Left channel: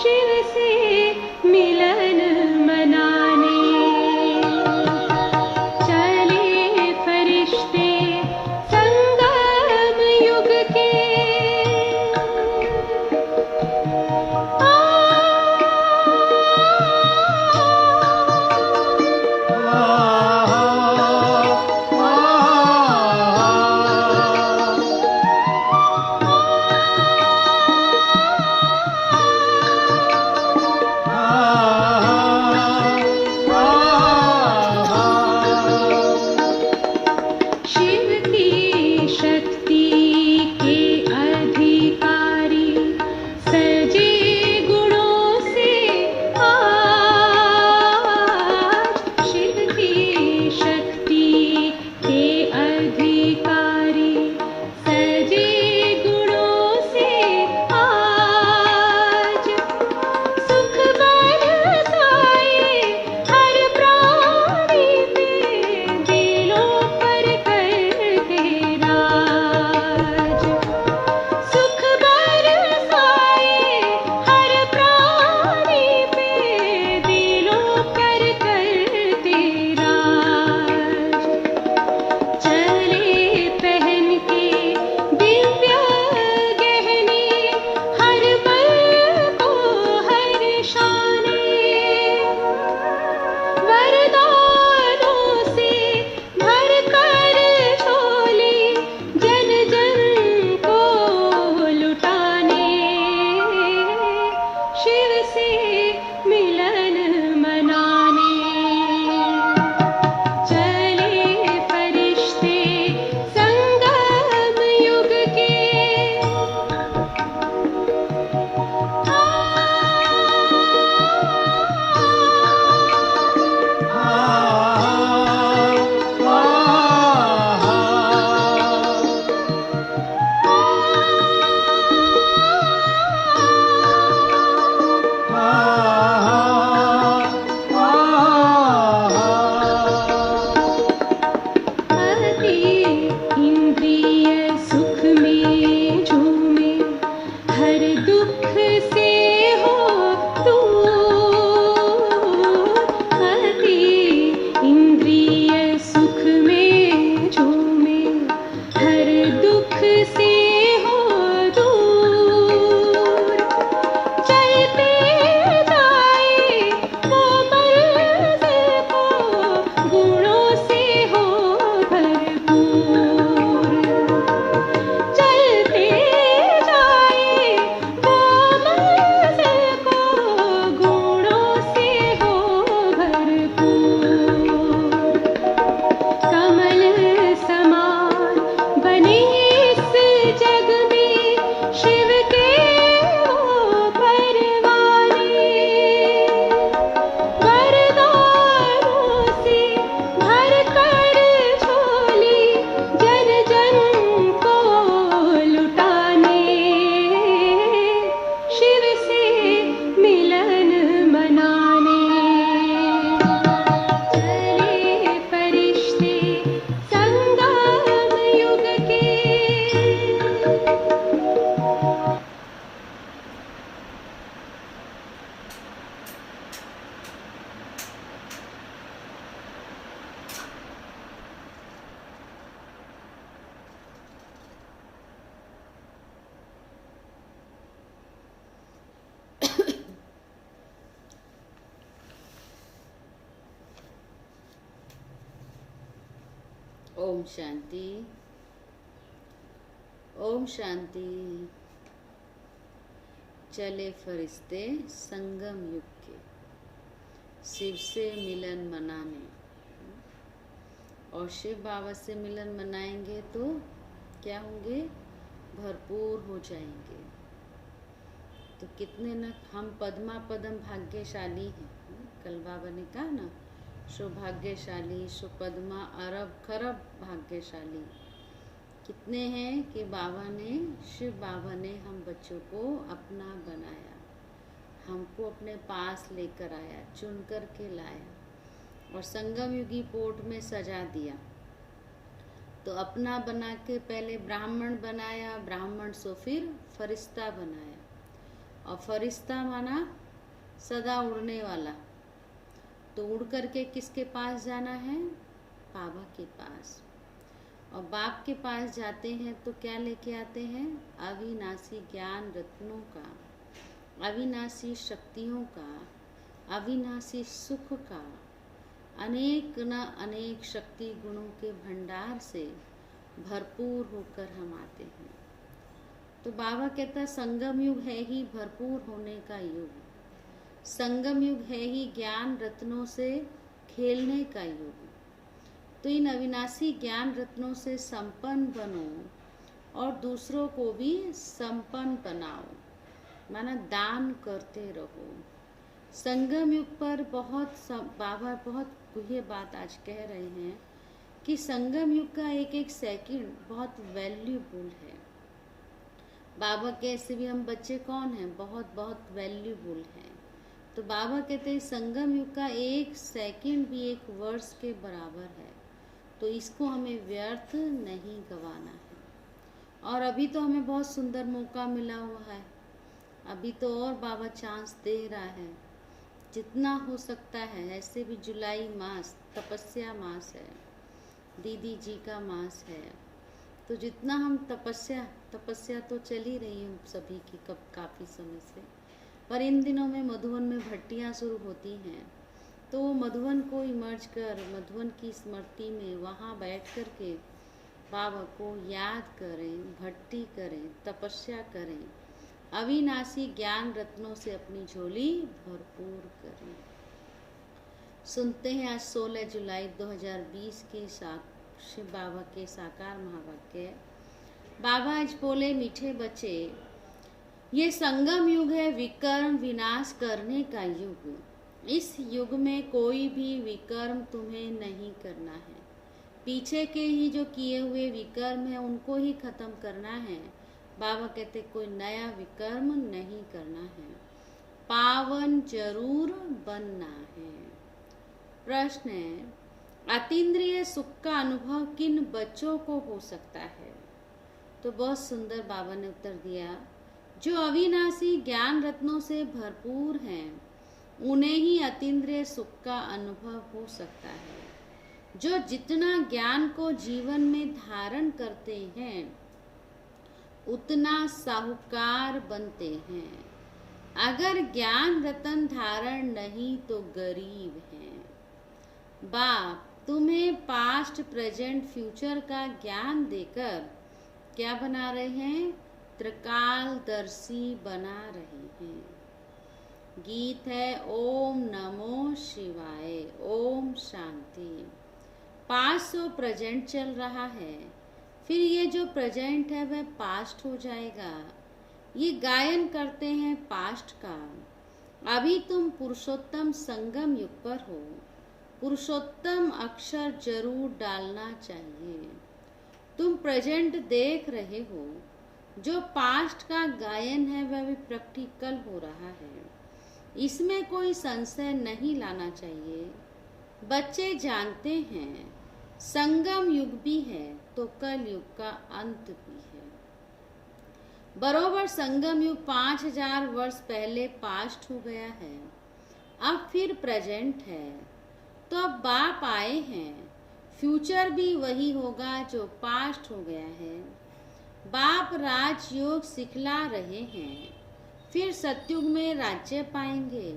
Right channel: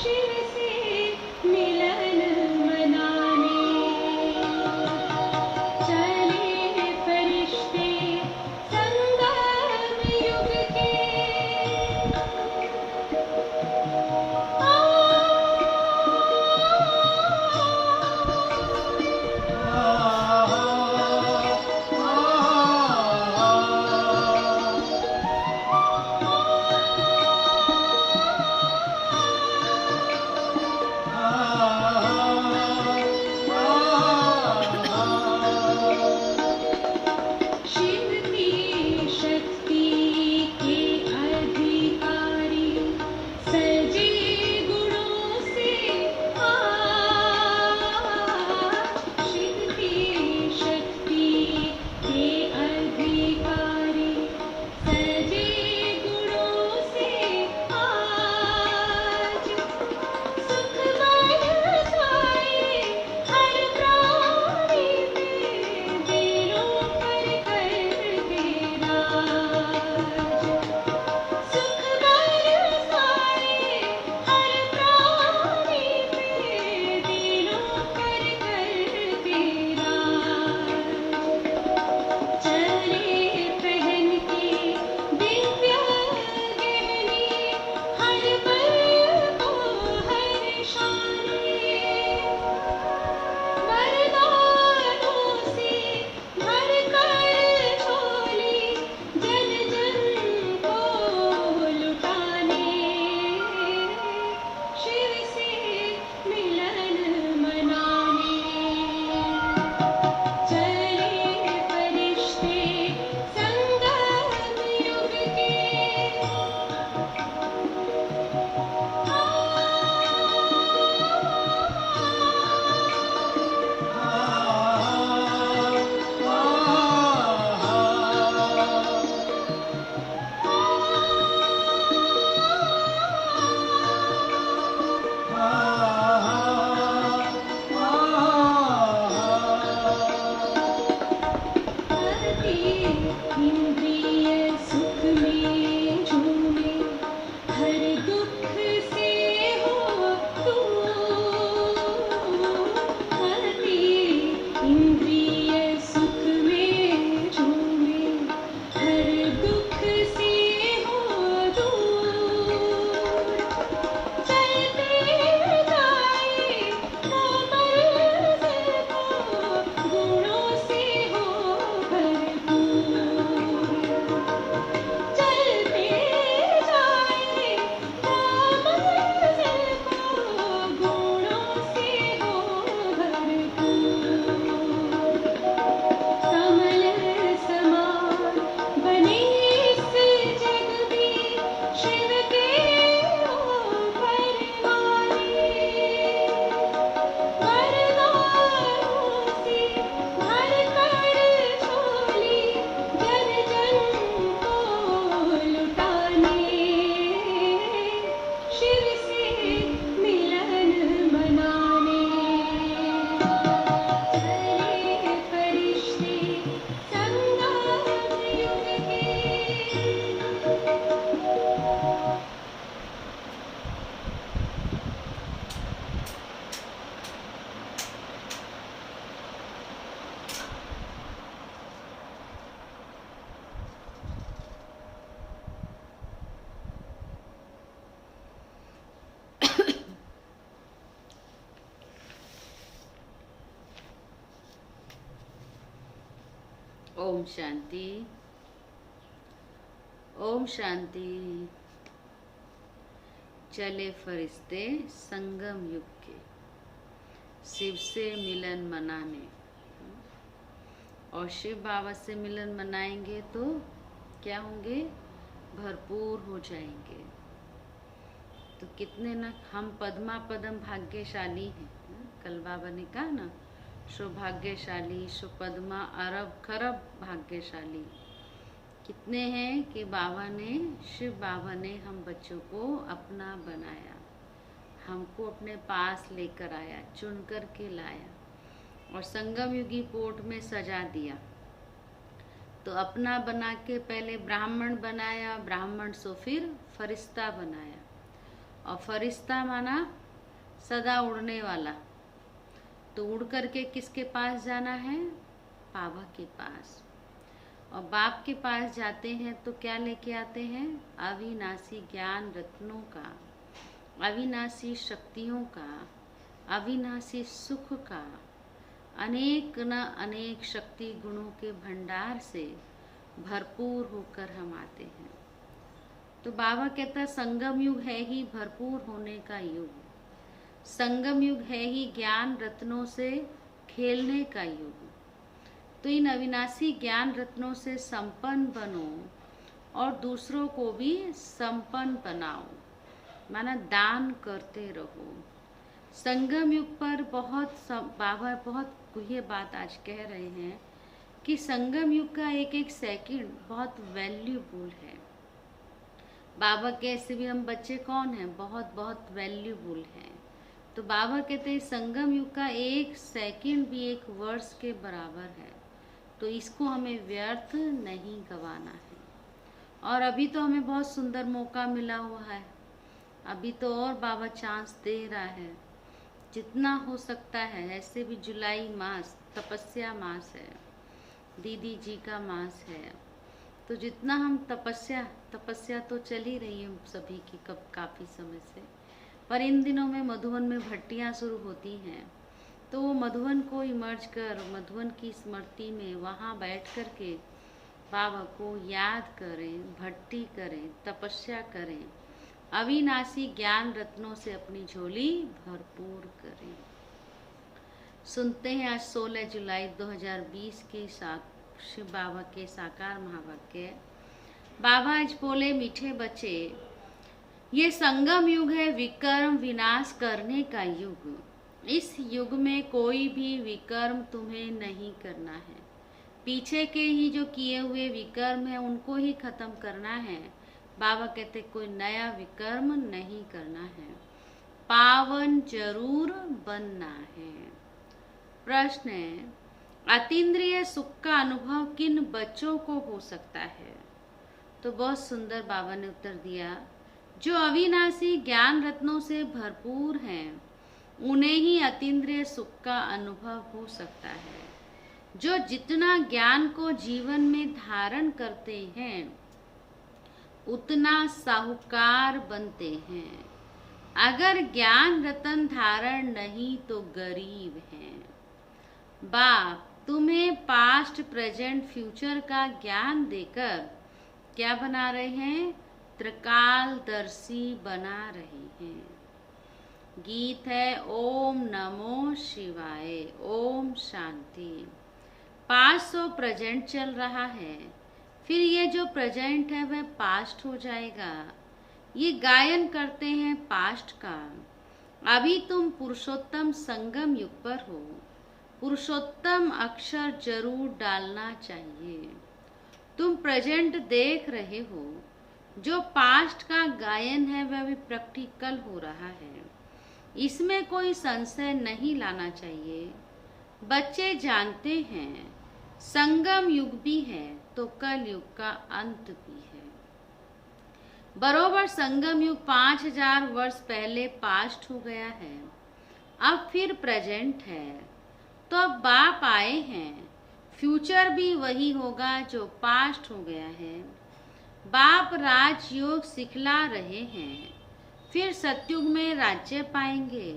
शिव से मिलन मनाने चले फरिश्ते संगम युग के। शिव की शक्ति के अधिकारी सजे गुणों से आज। शिव की शक्ति के अधिकारी सजे गुणों से आज। सुख बरसाए हर प्राणी पे, दिलों पर करके राज। सुख बरसाए हर प्राणी पे, दिलों पर करके राज। चले पहन के दिव्य गहने, हर पल को हर शाने। वरदानों से भर कर झोली, जन जन को लुटाने। शिव से मिलन मनाने चले फरिश्ते संगम युग के। अति इंद्रिय सुख में झूमे, हर दुख से हो दूर। अति इंद्रिय सुख में झूमे, हर दुख से हो दूर। चलते जाए वो मंजिल को, गुणों से हो भरपूर। चलते जाए वो मंजिल को, गुणों से हो भरपूर। कमल समान बने इस जग में, शिव के हो परवाने। वरदानों से भर कर झोली, जन जन को लुटाने। शिव से मिलन मनाने चले फरिश्ते संगम युग के। ओम शांति, ओम शांति। चले फरिश्ते संगम युग के, शिव से मिलन मनाने। और शिव बाबा से मिलन मनाएंगे तो क्या होंगे? भरपूर हो जाएंगे। तो कितने न हम पद्मा पदम भाग्यशाली हैं। कल बाबा ने कहा ना, सौभाग्यशाली सुपद्मा अरब खरब भाग्यशाली। कितने हैं कि बाबा ने, शिव बाबा ने हम बच्चों को अपना बनाया, हमको अपने पास लेकर आया, चुन कर के लाया और संगम युगी पोर्ट में सजा दिया। तो अपना बना के पहले ब्राह्मण बनाया, ब्राह्मण से फिर फरिश्ता बनाया, और फरिश्ता माना सदा उड़ने वाला। तो उड़ करके किसके पास जाना है? बाबा के पास। और बाप के पास जाते हैं तो क्या लेके आते हैं? अविनाशी ज्ञान रत्नों का, अविनाशी शक्तियों का, अविनाशी सुख का, अनेक न अनेक शक्ति गुणों के भंडार से भरपूर होकर हम आते हैं। तो बाबा कहता है संगम युग है ही भरपूर होने का युग, संगम युग है ही ज्ञान रत्नों से खेलने का युग। तो इन अविनाशी ज्ञान रत्नों से संपन्न बनो और दूसरों को भी संपन्न बनाओ, माना दान करते रहो। संगम युग पर बाबा बहुत ये बात आज कह रहे हैं कि संगम युग का एक एक सेकंड बहुत वैल्यूबुल है। बाबा के ऐसे भी हम बच्चे कौन हैं? बहुत बहुत वैल्यूबुल हैं। तो बाबा कहते हैं संगम युग का एक सेकंड भी एक वर्ष के बराबर है, तो इसको हमें व्यर्थ नहीं गंवाना है। और अभी तो हमें बहुत सुंदर मौका मिला हुआ है, अभी तो और बाबा चांस दे रहा है जितना हो सकता है। ऐसे भी जुलाई मास तपस्या मास है, दीदी जी का मास है, तो जितना हम तपस्या तो चल ही रही है सभी की कब काफ़ी समय से। पर इन दिनों में मधुवन में भट्टियाँ शुरू होती हैं, तो वो मधुवन को इमर्ज कर मधुवन की स्मृति में वहाँ बैठ कर के बाबा को याद करें, भट्टी करें, तपस्या करें, अविनाशी ज्ञान रत्नों से अपनी झोली भरपूर करें। सुनते हैं आज 16 जुलाई 2020 के शिव बाबा के साकार महावाक्य। बाबा आज बोले, मीठे बच्चे, ये संगम युग है विकर्म विनाश करने का युग। इस युग में कोई भी विकर्म तुम्हें नहीं करना है, पीछे के ही जो किए हुए विकर्म है उनको ही खत्म करना है। बाबा कहते कोई नया विकर्म नहीं करना है, पावन जरूर बनना है। प्रश्न है, अतीन्द्रिय सुख का अनुभव किन बच्चों को हो सकता है? तो बहुत सुंदर बाबा ने उत्तर दिया, जो अविनाशी ज्ञान रत्नों से भरपूर हैं उन्हें ही अतीन्द्रिय सुख का अनुभव हो सकता है। जो जितना ज्ञान को जीवन में धारण करते हैं उतना साहूकार बनते हैं, अगर ज्ञान रतन धारण नहीं तो गरीब हैं। बाप तुम्हें पास्ट प्रेजेंट फ्यूचर का ज्ञान देकर क्या बना रहे हैं? त्रिकालदर्शी बना रहे हैं। गीत है ओम नमो शिवाय, ओम शांति। 500 प्रेजेंट चल रहा है, फिर ये जो प्रेजेंट है वह पास्ट हो जाएगा। ये गायन करते हैं पास्ट का। अभी तुम पुरुषोत्तम संगम युग पर हो, पुरुषोत्तम अक्षर जरूर डालना चाहिए। तुम प्रेजेंट देख रहे हो, जो पास्ट का गायन है वह भी प्रैक्टिकल हो रहा है, इसमें कोई संशय नहीं लाना चाहिए। बच्चे जानते हैं संगम युग भी है तो कल युग का अंत भी है। बरोबर संगम युग 5000 वर्ष पहले पास्ट हो गया है, अब फिर प्रेजेंट है, तो अब बाप आए हैं, फ्यूचर भी वही होगा जो पास्ट हो गया है। बाप राजयोग सिखला रहे हैं, फिर सतयुग में राज्य पाएंगे।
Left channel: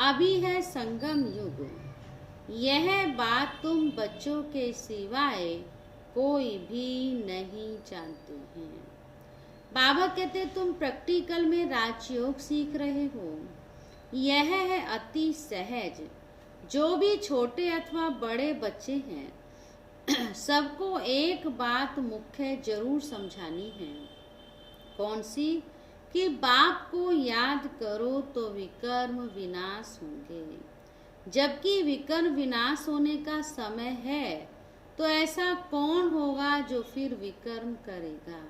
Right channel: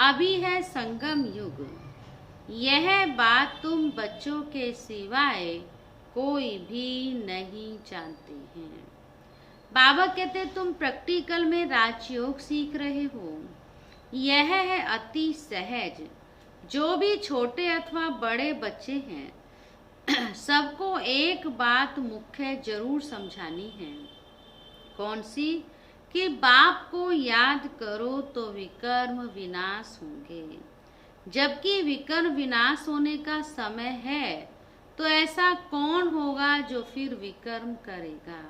अभी है संगम युग, यह बात तुम बच्चों के सिवाय कोई भी नहीं जानते हैं। बाबा कहते तुम प्रैक्टिकल में राजयोग सीख रहे हो, यह है अति सहज। जो भी छोटे अथवा बड़े बच्चे हैं सबको एक बात मुख्य जरूर समझानी है। कौन सी? कि बाप को याद करो तो विकर्म विनाश होंगे। जबकि विकर्म विनाश होने का समय है, तो ऐसा कौन होगा जो फिर विकर्म करेगा?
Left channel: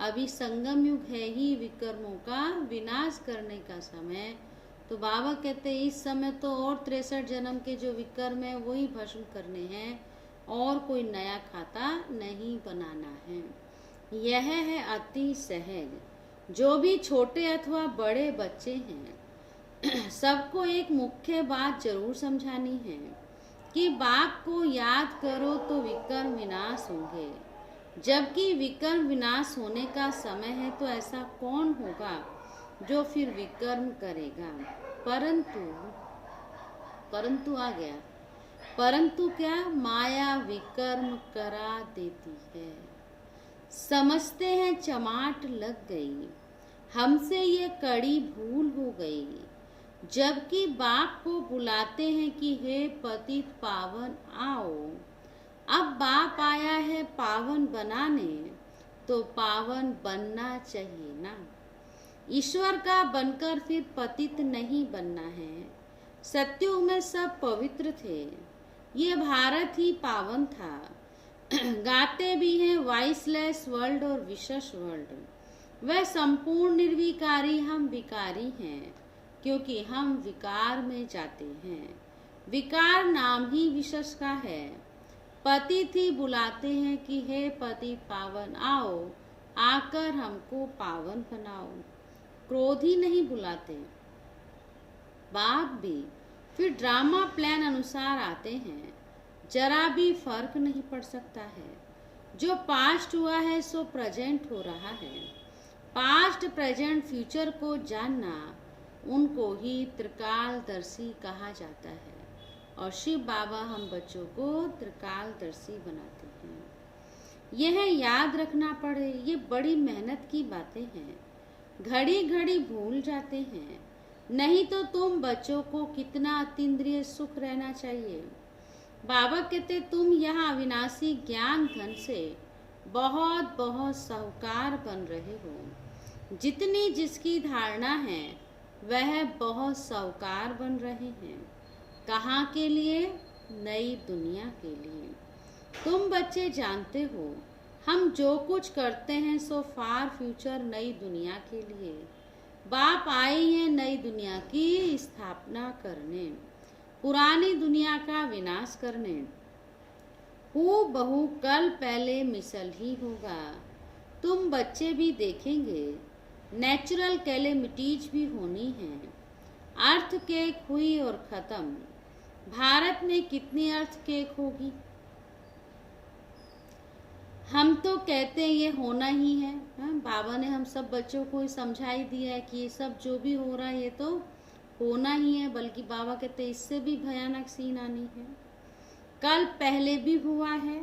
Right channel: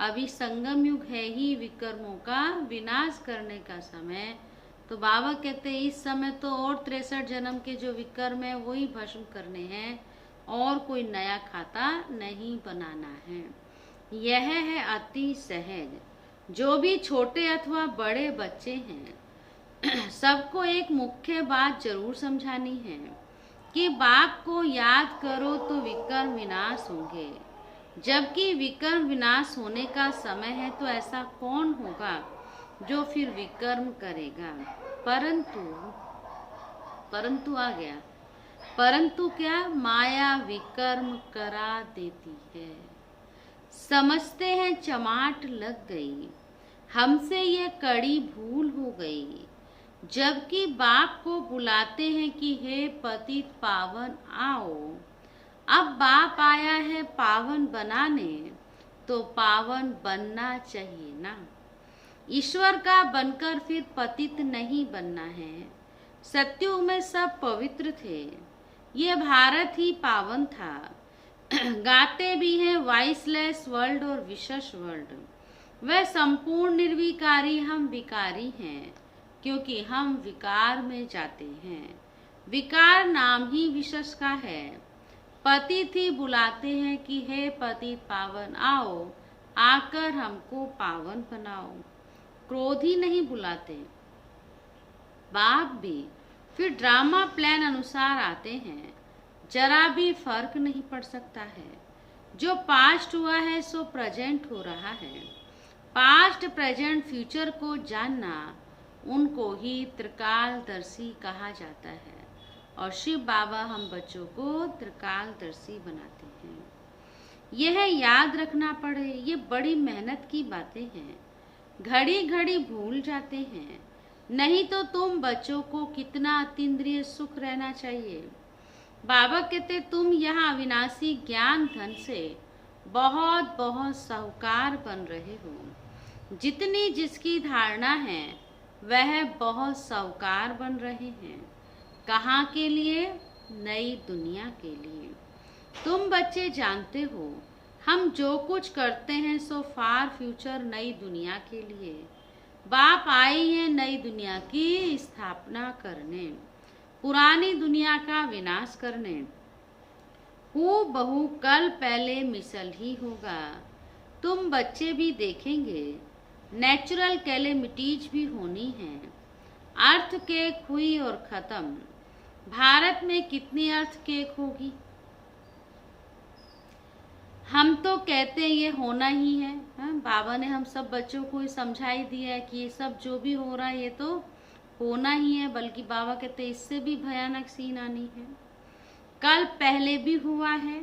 अभी संगम युग है ही विकर्मों का विनाश करने का समय। तो बाबा कहते हैं इस समय तो और 63 जन्म के जो विकर्म है वही भस्म करने हैं, और कोई नया खाता नहीं बनाना है। यह है अति सहज। जो भी छोटे अथवा बड़े बच्चे हैं सबको एक मुख्य बात जरूर समझानी है कि बाप को याद करो तो विकर्म विनाश होंगे। जबकि विकर्म विनाश होने का समय है तो ऐसा कौन होगा जो फिर विकर्म करेगा। परंतु आ गया, परंतु क्या, माया विकर्म करा देती है। समझते हैं चमाट लग गई, हमसे ये कड़ी भूल हो गई। जबकि बाप को बुलाते हैं कि हे पतित पावन आओ। अब बाप आया है पावन बनाने, तो पावन बनना चाहिए ना। ईश्वर का बनकर फिर पतित नहीं बनना है। सत्युग में सब पवित्र थे, ये भारत ही पावन था। गाते भी हैं वाइसलेस वर्ल्ड और विशेष वर्ल्ड। वह संपूर्ण निर्विकारी, हम विकारी हैं क्योंकि हम विकार में जाते हैं। विकार नाम ही विशेष का है। पतित ही बुलाते हैं कि हे पतित पावन आओ, आकर हमको पावन बनाओ। क्रोध ही नहीं बुलाते। बाप भी फिर ड्रामा प्लान अनुसार आते हैं। जरा भी फर्क नहीं पड़ सकता है। जो पास्ट हुआ है सो प्रेजेंट हो रहा है। पास्ट प्रेजेंट फ्यूचर को जानना, उनको ही त्रिकालदर्शी कहा जाता है। और शिव बाबा हम बच्चों को त्रिकालदर्शी बनाते हैं। यह याद रखना पड़े, ये बड़ी मेहनत की बातें हैं। घड़ी घड़ी भूल जाते हैं। नहीं तो तुम बच्चों को कितना अतीन्द्रिय सुख रहना चाहिए। बाबा कहते तुम यहाँ अविनाशी ज्ञान धन से बहुत बहुत साहूकार बन रहे हो। जितनी जिसकी धारणा है वह बहुत साहूकार बन रहे हैं। कहाँ के लिए? नई दुनिया के लिए। तुम बच्चे जानते हो हम जो कुछ करते हैं सो फार फ्यूचर नई दुनिया के लिए। बाप आए हैं नई दुनिया की स्थापना करने, पुरानी दुनिया का विनाश करने। हूबहू कल पहले मिसल ही होगा। तुम बच्चे भी देखेंगे नेचुरल कैलेमिटीज भी होनी है। अर्थ केक हुई और खत्म। भारत में कितनी अर्थ केक होगी? हम तो कहते हैं ये होना ही है। बाबा ने हम सब बच्चों को समझा ही दिया है कि ये सब जो भी हो रहा है ये तो होना ही है। बल्कि बाबा कहते इससे भी भयानक सीन आनी है। कल पहले भी हुआ है।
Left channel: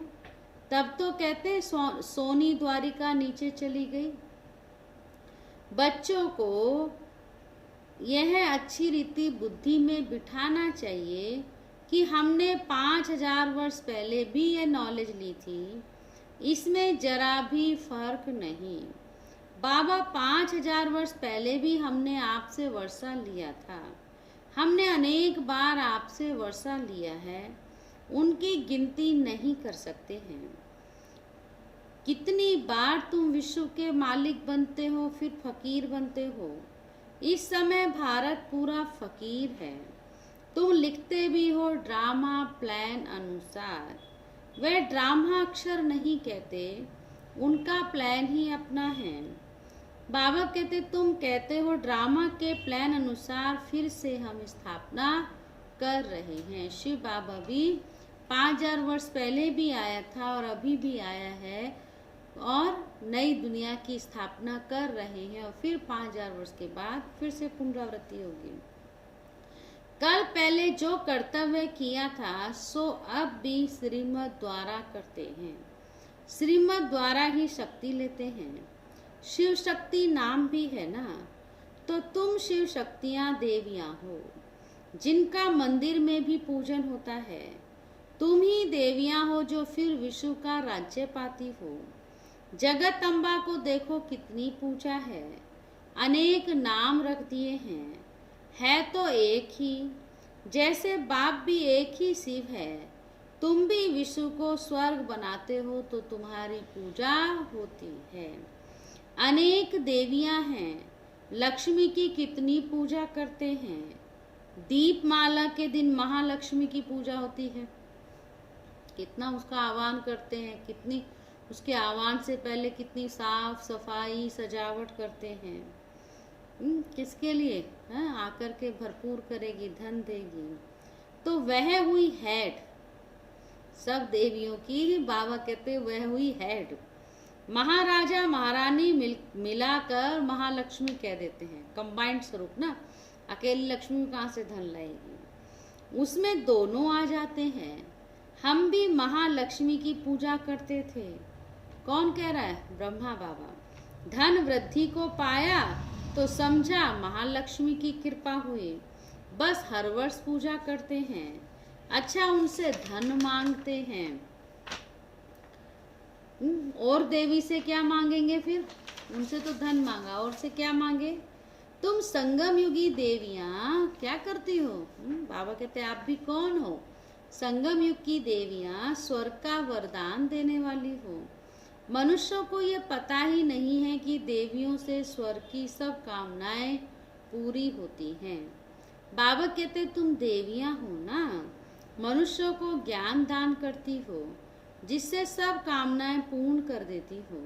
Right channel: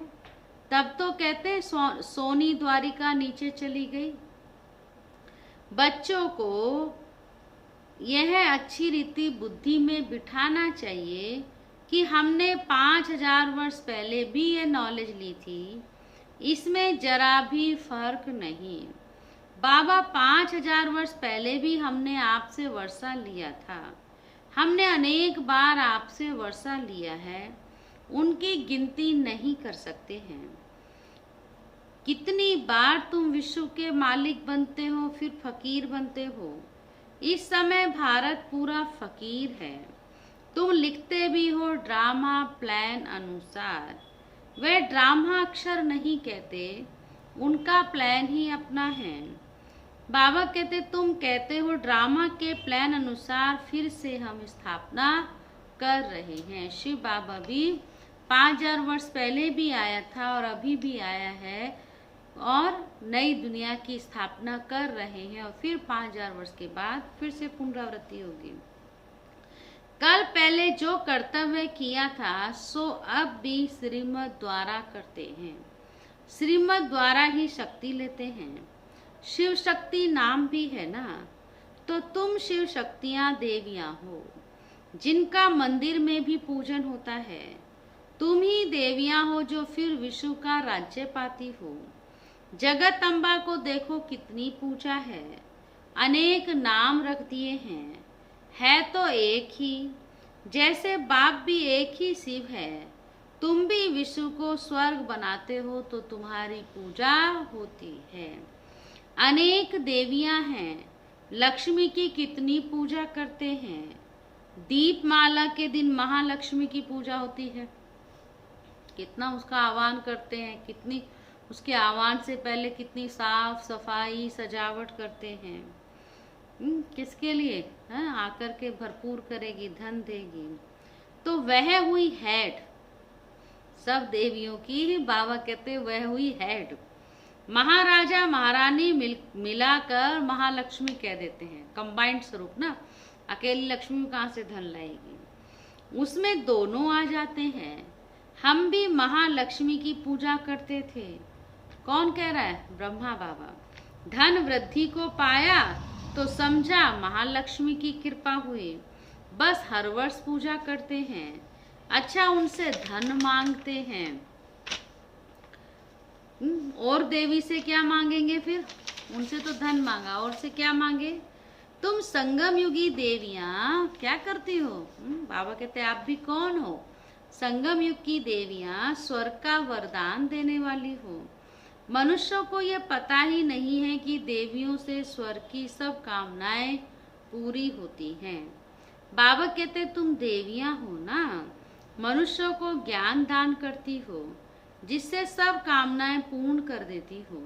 तब तो कहते सोनी द्वारिका नीचे चली गई। बच्चों को यह अच्छी रीति बुद्धि में बिठाना चाहिए कि हमने 5000 वर्ष पहले भी ये नॉलेज ली थी, इसमें जरा भी फर्क नहीं। बाबा 5000 वर्ष पहले भी हमने आपसे वर्षा लिया था। हमने अनेक बार आपसे वर्षा लिया है, उनकी गिनती नहीं कर सकते हैं। कितनी बार तुम विश्व के मालिक बनते हो फिर फकीर बनते हो। इस समय भारत पूरा फकीर है। तुम लिखते भी हो ड्रामा प्लान अनुसार। वे ड्रामा अक्षर नहीं कहते, उनका प्लान ही अपना है। बाबा कहते तुम कहते हो ड्रामा के प्लान अनुसार फिर से हम स्थापना कर रहे हैं। शिव बाबा भी 5000 वर्ष पहले भी आया था और अभी भी आया है और नई दुनिया की स्थापना कर रहे हैं। और फिर 5000 वर्ष के बाद फिर से पुनरावृत्ति होगी। कल पहले जो कर्तव्य किया था सो अब भी श्रीमत द्वारा करते हैं। श्रीमत द्वारा ही शक्ति लेते हैं। शिव शक्ति नाम भी है ना, तो तुम शिव शक्तियां देवियां हो जिनका मंदिर में भी पूजन होता है। तुम ही देवियां हो जो फिर विश्व का राज्य पाती हो। जगत अम्बा को देखो कितनी पूजा है, अनेक नाम रख दिए हैं, है तो एक ही। जैसे बाप भी एक ही शिव है, तुम भी विश्व को स्वर्ग बनाते हो तो तुम्हारी पूजा होती है। अनेक देवियां हैं, लक्ष्मी की कितनी पूजा करते हैं। दीपमाला के दिन महालक्ष्मी की पूजा होती है, कितना उसका आह्वान करते हैं, कितनी उसके आह्वान से पहले कितनी साफ सफाई सजावट करते हैं। किसके लिए? हाँ, आकर के भरपूर करेगी, धन देगी। तो वह हुई हेड, सब देवियों की बाबा कहते वह हुई हेड। महाराजा महारानी मिलाकर महालक्ष्मी कह देते हैं, कंबाइंड स्वरूप ना, अकेली लक्ष्मी कहाँ से धन लाएगी, उसमें दोनों आ जाते हैं। हम भी महालक्ष्मी की पूजा करते थे। कौन कह रहा है? ब्रह्मा बाबा। धन वृद्धि को पाया तो समझा महालक्ष्मी की कृपा हुई, बस हर वर्ष पूजा करते हैं। अच्छा, उनसे धन मांगते हैं। और देवी से क्या मांगेंगे फिर? उनसे तो धन मांगा, और से क्या मांगे? तुम संगम युगी देवियां क्या करती हो? बाबा कहते आप भी कौन हो? संगम युग की देवियां स्वर्ग का वरदान देने वाली हो। मनुष्यों को ये पता ही नहीं है कि देवियों से स्वर्ग की सब कामनाएं पूरी होती हैं। बाबा कहते तुम देवियां हो ना, मनुष्यों को ज्ञान दान करती हो, जिससे सब कामनाएं पूर्ण कर देती हो।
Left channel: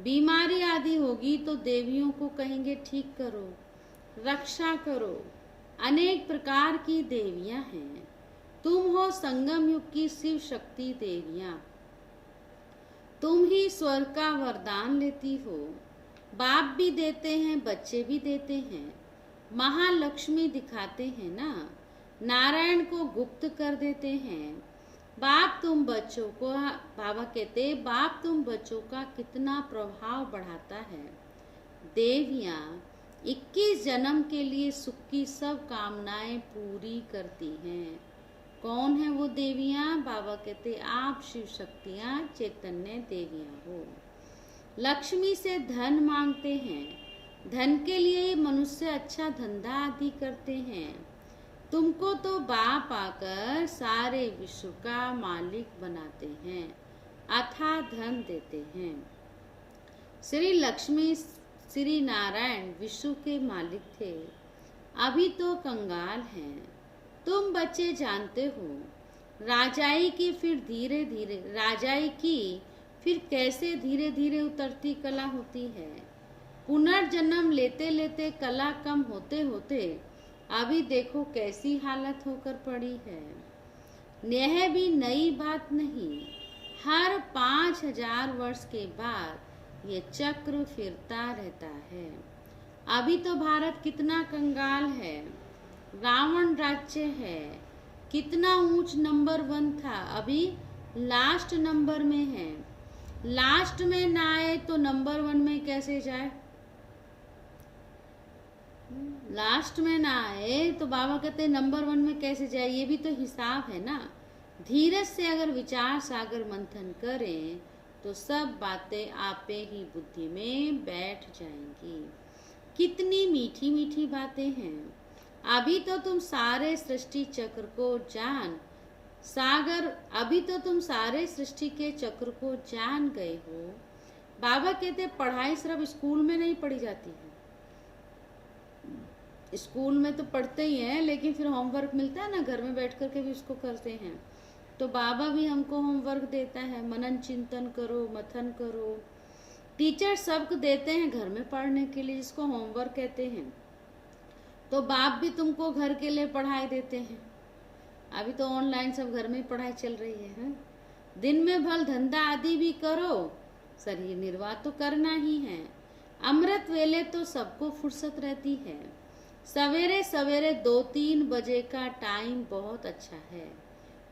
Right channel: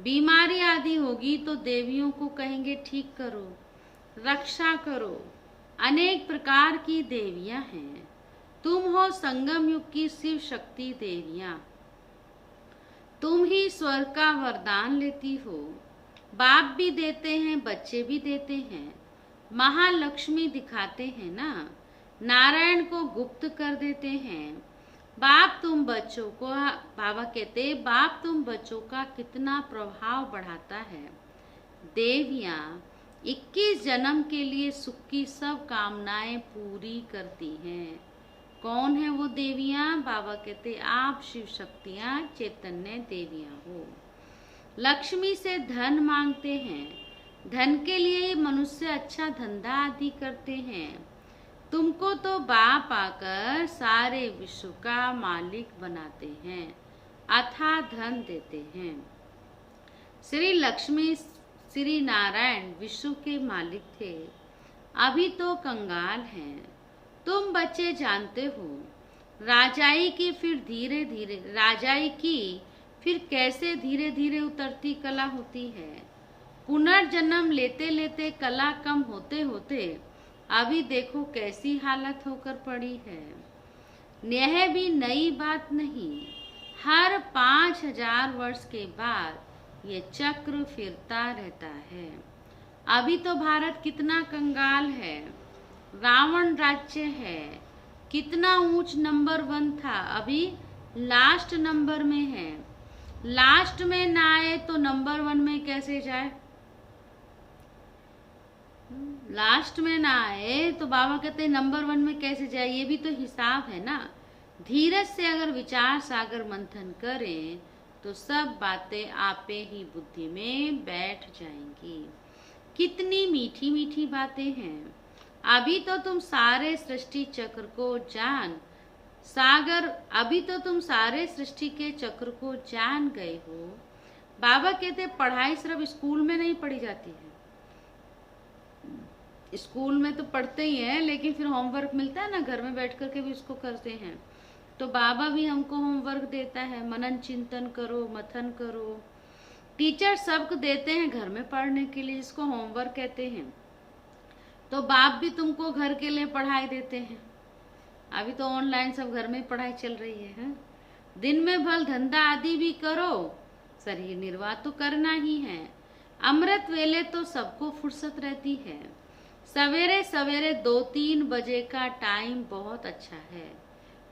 बीमारी आदि होगी तो देवियों को कहेंगे ठीक करो, रक्षा करो। अनेक प्रकार की देवियां हैं। तुम हो संगम युग की शिव शक्ति देवियां। तुम ही स्वर्ग का वरदान लेती हो। बाप भी देते हैं, बच्चे भी देते हैं। महालक्ष्मी दिखाते हैं ना, नारायण को गुप्त कर देते हैं। बाप तुम बच्चों को, बाबा कहते बाप तुम बच्चों का कितना प्रभाव बढ़ाता है। देवियां 21 जन्म के लिए सुख की सब कामनाएं पूरी करती हैं। कौन है वो देवियां? बाबा कहते आप शिव शक्तियां चैतन्य देवियां हो। लक्ष्मी से धन मांगते हैं। धन के लिए मनुष्य अच्छा धंधा आदि करते हैं। तुमको तो बाप आकर सारे विश्व का मालिक बनाते हैं, अथाह धन देते हैं। श्री लक्ष्मी श्री नारायण विश्व के मालिक थे, अभी तो कंगाल हैं। तुम बच्चे जानते हो राजाई की फिर कैसे धीरे धीरे उतरती कला होती है। पुनर्जन्म लेते लेते कला कम होते होते अभी देखो कैसी हालत होकर पड़ी है। यह भी नई बात नहीं, हर 5000 वर्ष के बाद ये चक्र फिरता रहता है। अभी तो भारत कितना कंगाल है, रावण राज्य है, कितना ऊंच नंबर 1 था, अभी लास्ट नंबर में है। लास्ट में ना आए तो नंबर 1 में कैसे जाए? लास्ट में ना आए तो बाबा कहते नंबर 1 में कैसे जाए? ये भी तो हिसाब है ना। धीरज से अगर विचार सागर मंथन करें तो सब बातें आपे ही बुद्धि में बैठ जाएंगी। कितनी मीठी मीठी बातें हैं। अभी तो तुम सारे सृष्टि चक्र को जान अभी तो तुम सारे सृष्टि के चक्र को जान गए हो। बाबा कहते पढ़ाई सिर्फ स्कूल में नहीं पढ़ी जाती है। स्कूल में तो पढ़ते ही हैं, लेकिन फिर होमवर्क मिलता है ना, घर में बैठ करके भी उसको करते हैं। तो बाबा भी हमको होमवर्क देता है, मनन चिंतन करो, मथन करो। टीचर सबको देते हैं घर में पढ़ने के लिए, जिसको होमवर्क कहते हैं। तो बाप भी तुमको घर के लिए पढ़ाई देते हैं। अभी तो ऑनलाइन सब घर में पढ़ाई चल रही है। दिन में भल धंधा आदि भी करो, शरीर निर्वाह तो करना ही है। अमृत वेले तो सबको फुर्सत रहती है। सवेरे सवेरे 2-3 बजे का टाइम बहुत अच्छा है।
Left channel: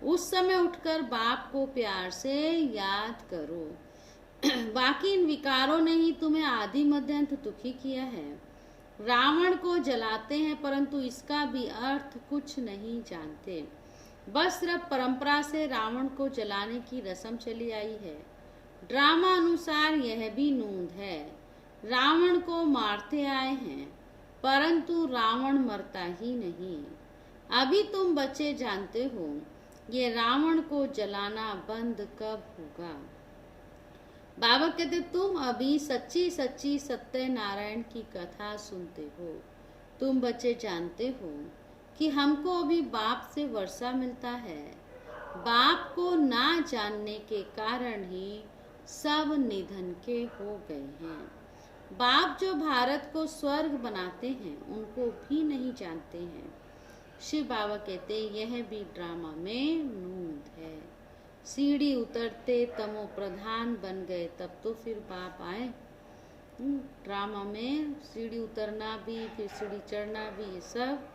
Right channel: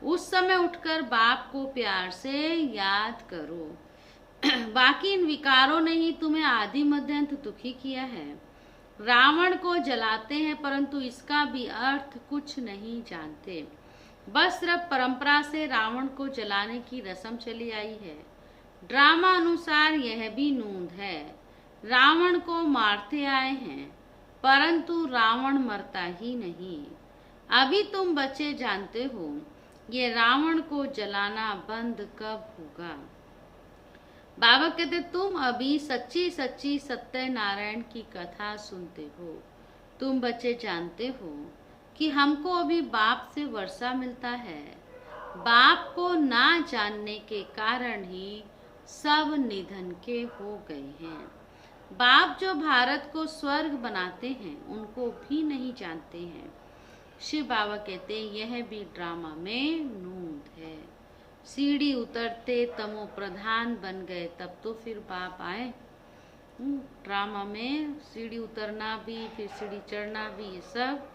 उस समय उठकर बाप को प्यार से याद करो। बाकी इन विकारों ने ही तुम्हें आदि मध्य अंत दुखी किया है। रावण को जलाते हैं परंतु इसका भी अर्थ कुछ नहीं जानते। बस सिर्फ परंपरा से रावण को जलाने की रस्म चली आई है। ड्रामा अनुसार यह भी नूंद है। रावण को मारते आए हैं परंतु रावण मरता ही नहीं। अभी तुम बच्चे जानते हो ये रावण को जलाना बंद कब होगा। बाबा कहते तुम अभी सच्ची सच्ची सत्यनारायण की कथा सुनते हो। तुम बच्चे जानते हो कि हमको अभी बाप से वर्षा मिलता है। बाप को ना जानने के कारण ही सब निधन के हो गए हैं। बाप जो भारत को स्वर्ग बनाते हैं उनको भी नहीं जानते हैं। शिव बाबा कहते यह भी ड्रामा में नूंद है। सीढ़ी उतरते तमो प्रधान बन गए तब तो फिर बाप आए। ड्रामा में सीढ़ी उतरना भी फिर सीढ़ी चढ़ना भी ये सब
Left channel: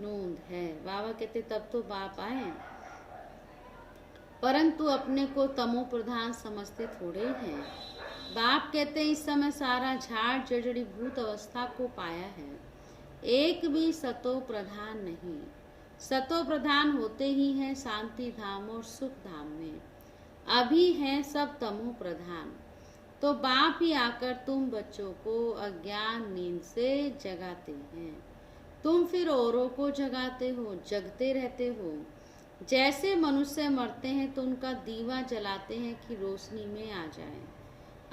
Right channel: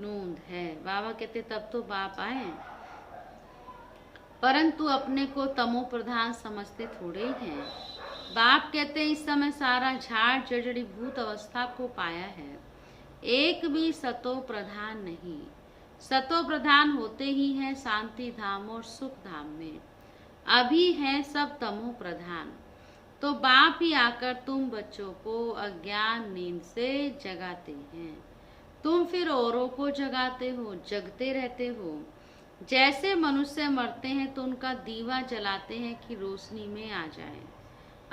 नूंद है। बाबा कहते तब तो बाप आए, परंतु अपने को तमो प्रधान समझते थोड़े ही हैं। बाप कहते इस समय सारा झाड़ जड़ी भूत अवस्था को पाया है, एक भी सतो प्रधान नहीं। सतो प्रधान होते ही हैं शांति धाम और सुख धाम में, अभी हैं सब तमो प्रधान। तो बाप ही आकर तुम बच्चों को अज्ञान नींद से जगाते हैं। तुम फिर औरों को जगाते हो, जगते रहते हो। जैसे मनुष्य मरते हैं तो उनका दीवा जलाते हैं कि रोशनी में आ जाए।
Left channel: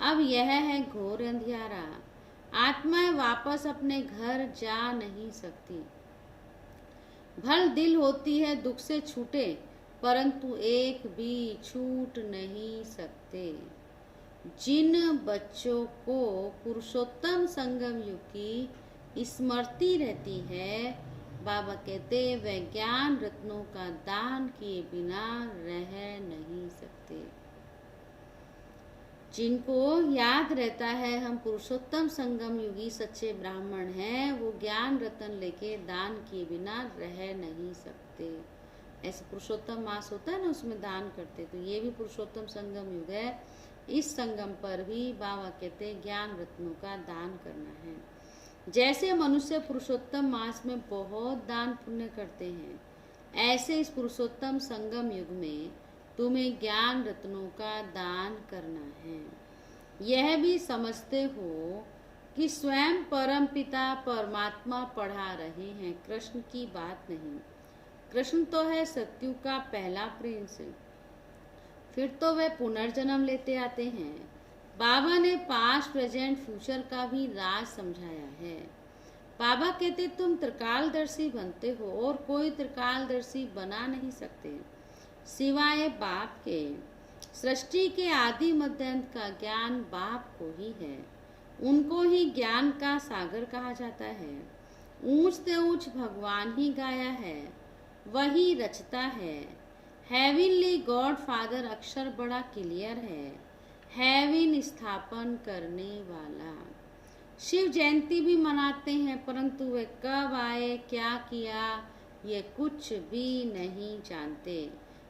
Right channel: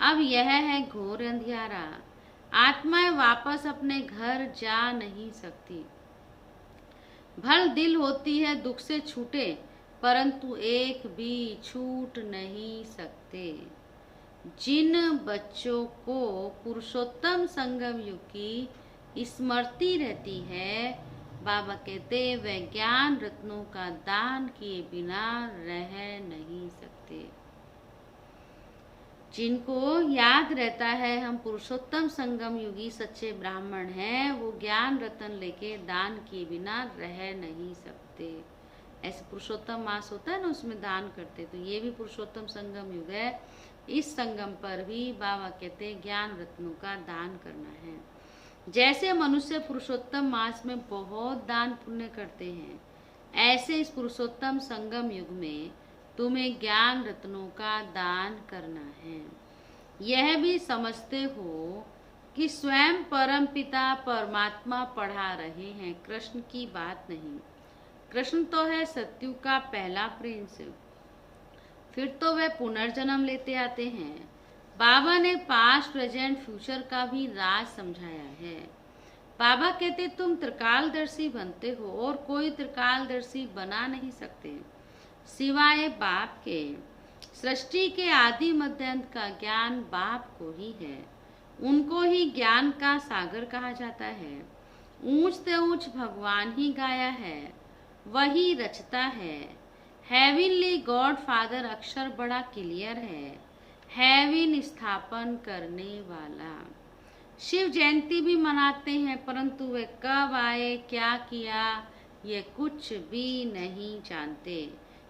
अब यह है घोर अंधियारा। आत्माएं वापस अपने घर जा नहीं सकती। भल दिल होती है दुख से छूटे, परंतु एक भी छूट नहीं सकते। जिन बच्चों को पुरुषोत्तम संगम युग की स्मृति रहती है, बाबा कहते वे ज्ञान रत्नों का दान किए बिना रह नहीं सकते। जिनको याद रहता है हम पुरुषोत्तम संगम युगी सच्चे ब्राह्मण हैं, वो ज्ञान रत्न लेके दान किए बिना रह नहीं सकते। ऐसे पुरुषोत्तम मास होता है ना, उसमें दान करते, तो ये भी पुरुषोत्तम संगम युग है। इस संगम पर भी बाबा कहते ज्ञान रत्नों का दान करना है। जैसे मनुष्य पुरुषोत्तम मास में बहुत दान पुण्य करते हैं, ऐसे इस पुरुषोत्तम संगम युग में तुम्हें ज्ञान रत्नों का दान करना है। यह भी समझते हो कि स्वयं परम पिता परमात्मा पढ़ा रहे हैं, कृष्ण की बात नहीं। कृष्ण तो है सत्युग का पहला प्रिंस, फिर तो वे पुनर्जन्म लेते आते हैं। बाबा ने पास्ट प्रेजेंट फ्यूचर का भी राज समझाया है। बाबा कहते तुम त्रिकालदर्शी बनते हो और कोई त्रिकालदर्शी बना नहीं सकते सिवाय बाप के। सृष्टि के आदि मध्य अंत का ज्ञान बाप को ही है, उनको ही ज्ञान का सागर कहा जाता है। ऊंच से ऊंच भगवान ही गाया है, वही रचता है। हेविनली गॉड फादर अक्षर बड़ा क्लियर है, हेविन स्थापन करने वाला। शिव जयंती भी मनाते हैं, परंतु वे कब आए क्या किया ये कुछ भी नहीं जानते।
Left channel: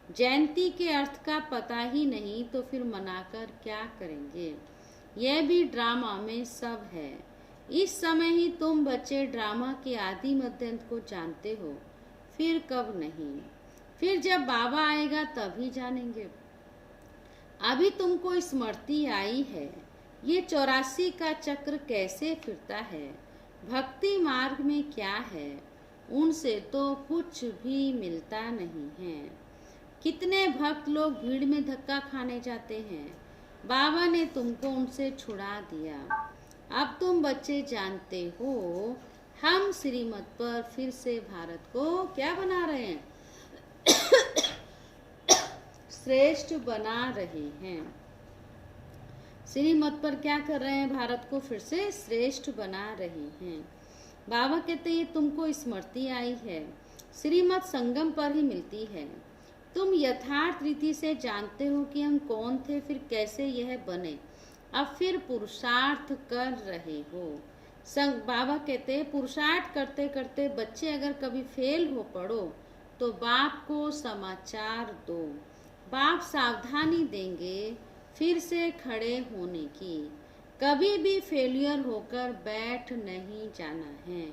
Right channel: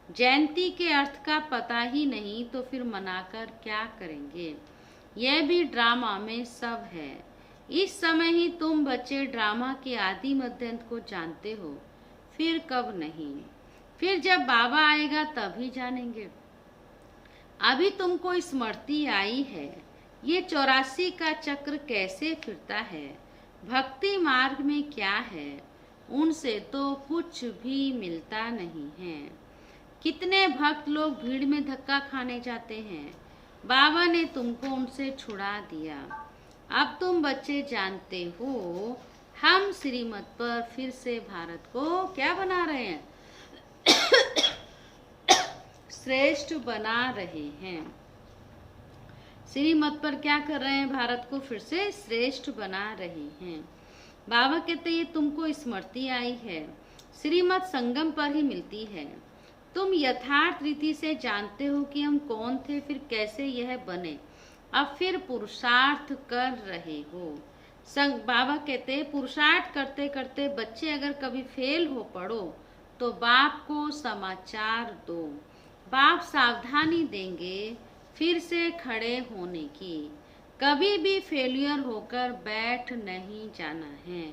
जयंती के अर्थ का पता ही नहीं तो फिर मनाकर क्या करेंगे। यह भी ड्रामा में सब है। इस समय ही तुम बच्चे ड्रामा के आदि मध्यांत को जानते हो, फिर कब नहीं। फिर जब बाबा आएगा तभी जानेंगे। अभी तुमको स्मृति आई है, ये 84 का चक्र कैसे फिरता है, भक्ति मार्ग में क्या है, उनसे तो कुछ भी मिलता नहीं है। कितने भक्त लोग भीड़ में धक्का खाने जाते हैं, बाबा ने तुमको उनसे छुड़ा दिया। अब तुम बच्चे जानते हो हम श्रीमत पर फिर से भारत को क्या बना रहे हैं श्रेष्ठ बना रहे हैं। श्रीमत पर क्या कर रहे हैं, भारत को फिर से श्रेष्ठ बना रहे हैं। बाबा कहते ये तुमको स्मृति आई है, श्रीमत संगम पर ही मिलती है। तुम यथार्थ रीति से जानते हो कि हम कौन थे, फिर कैसे यह बने, अब फिर पुरुषार्थ कर रहे हो। बाबा कहते पुरुषार्थ करते करते बच्चे अगर कभी फेल हो पड़ो तो बाप को समाचार दो, बाप सावधानी देंगे फिर से खड़े होने की। कभी भी फेलियर होकर बैठ नहीं जाना है,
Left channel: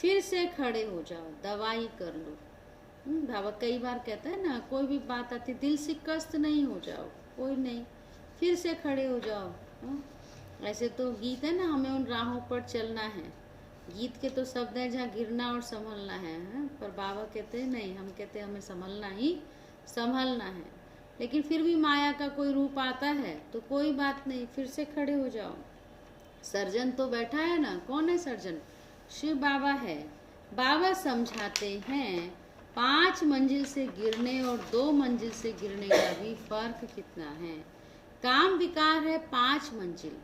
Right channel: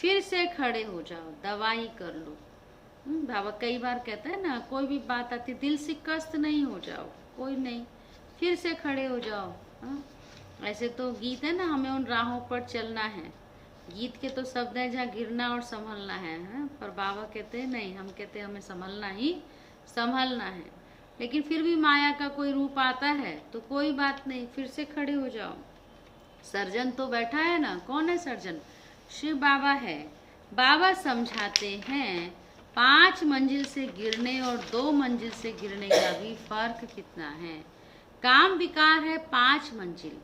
फिर से खड़े हो जाओ, दवाई कर लो। बाबा कई बार कहता है ना, कोई भी बात आती दिल से कष्ट नहीं हो जाओ, कोई नहीं, फिर से खड़े हो जाओ। हाँ? ऐसे तो गीत है ना, हमें उन राहों पर चलना है, गीत के तो शब्द है जहाँ गिरना और संभलना है। हाँ? पर बाबा कहते हैं नहीं, हम कहते हैं हमें संभलना ही संभलना है। लेकिन फिर भी माया का कोई रूप आता है तो कोई बात नहीं, फिर से खड़े हो जाओ। सर्जन तो बैठा है ना, कौन है सर्जन, शिव बाबा है। बाबा समझाते हैं 5 मंजिल से गिरने और 2 मंजिल से गिरने का भी फर्क कितना है। काम विकार है 5 मंजिल,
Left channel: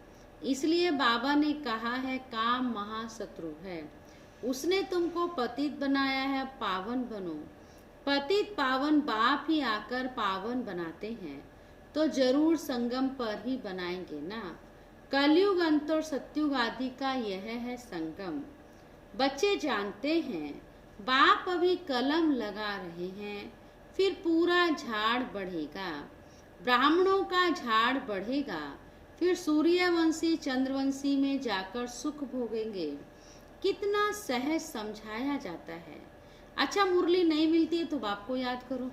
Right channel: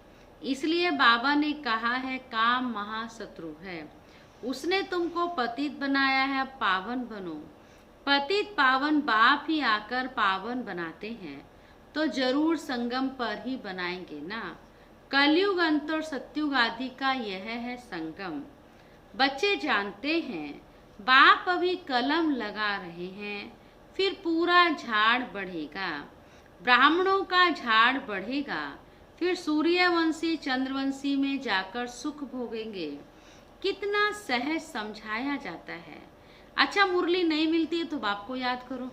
इसलिए बाबा ने कहा है काम महाशत्रु है। उसने तुमको पतित बनाया है, अब पावन बनो। पतित पावन बाप ही आकर पावन बनाते हैं, तो जरूर संगम पर ही बनाएंगे ना। कलयुग अंत और सत्युग आदि का यह है संगम। बच्चे जानते हैं बाप अभी कलम लगा रहे हैं, फिर पूरा झाड़ बढ़ेगा, ब्राह्मणों का झाड़ बढ़ेगा, फिर सूर्यवंशी चंद्रवंशी में जाकर सुख भोगेंगे। कितना सहज समझाया जाता है। अच्छा, मुरली नहीं मिलती है तो बाप को याद करो,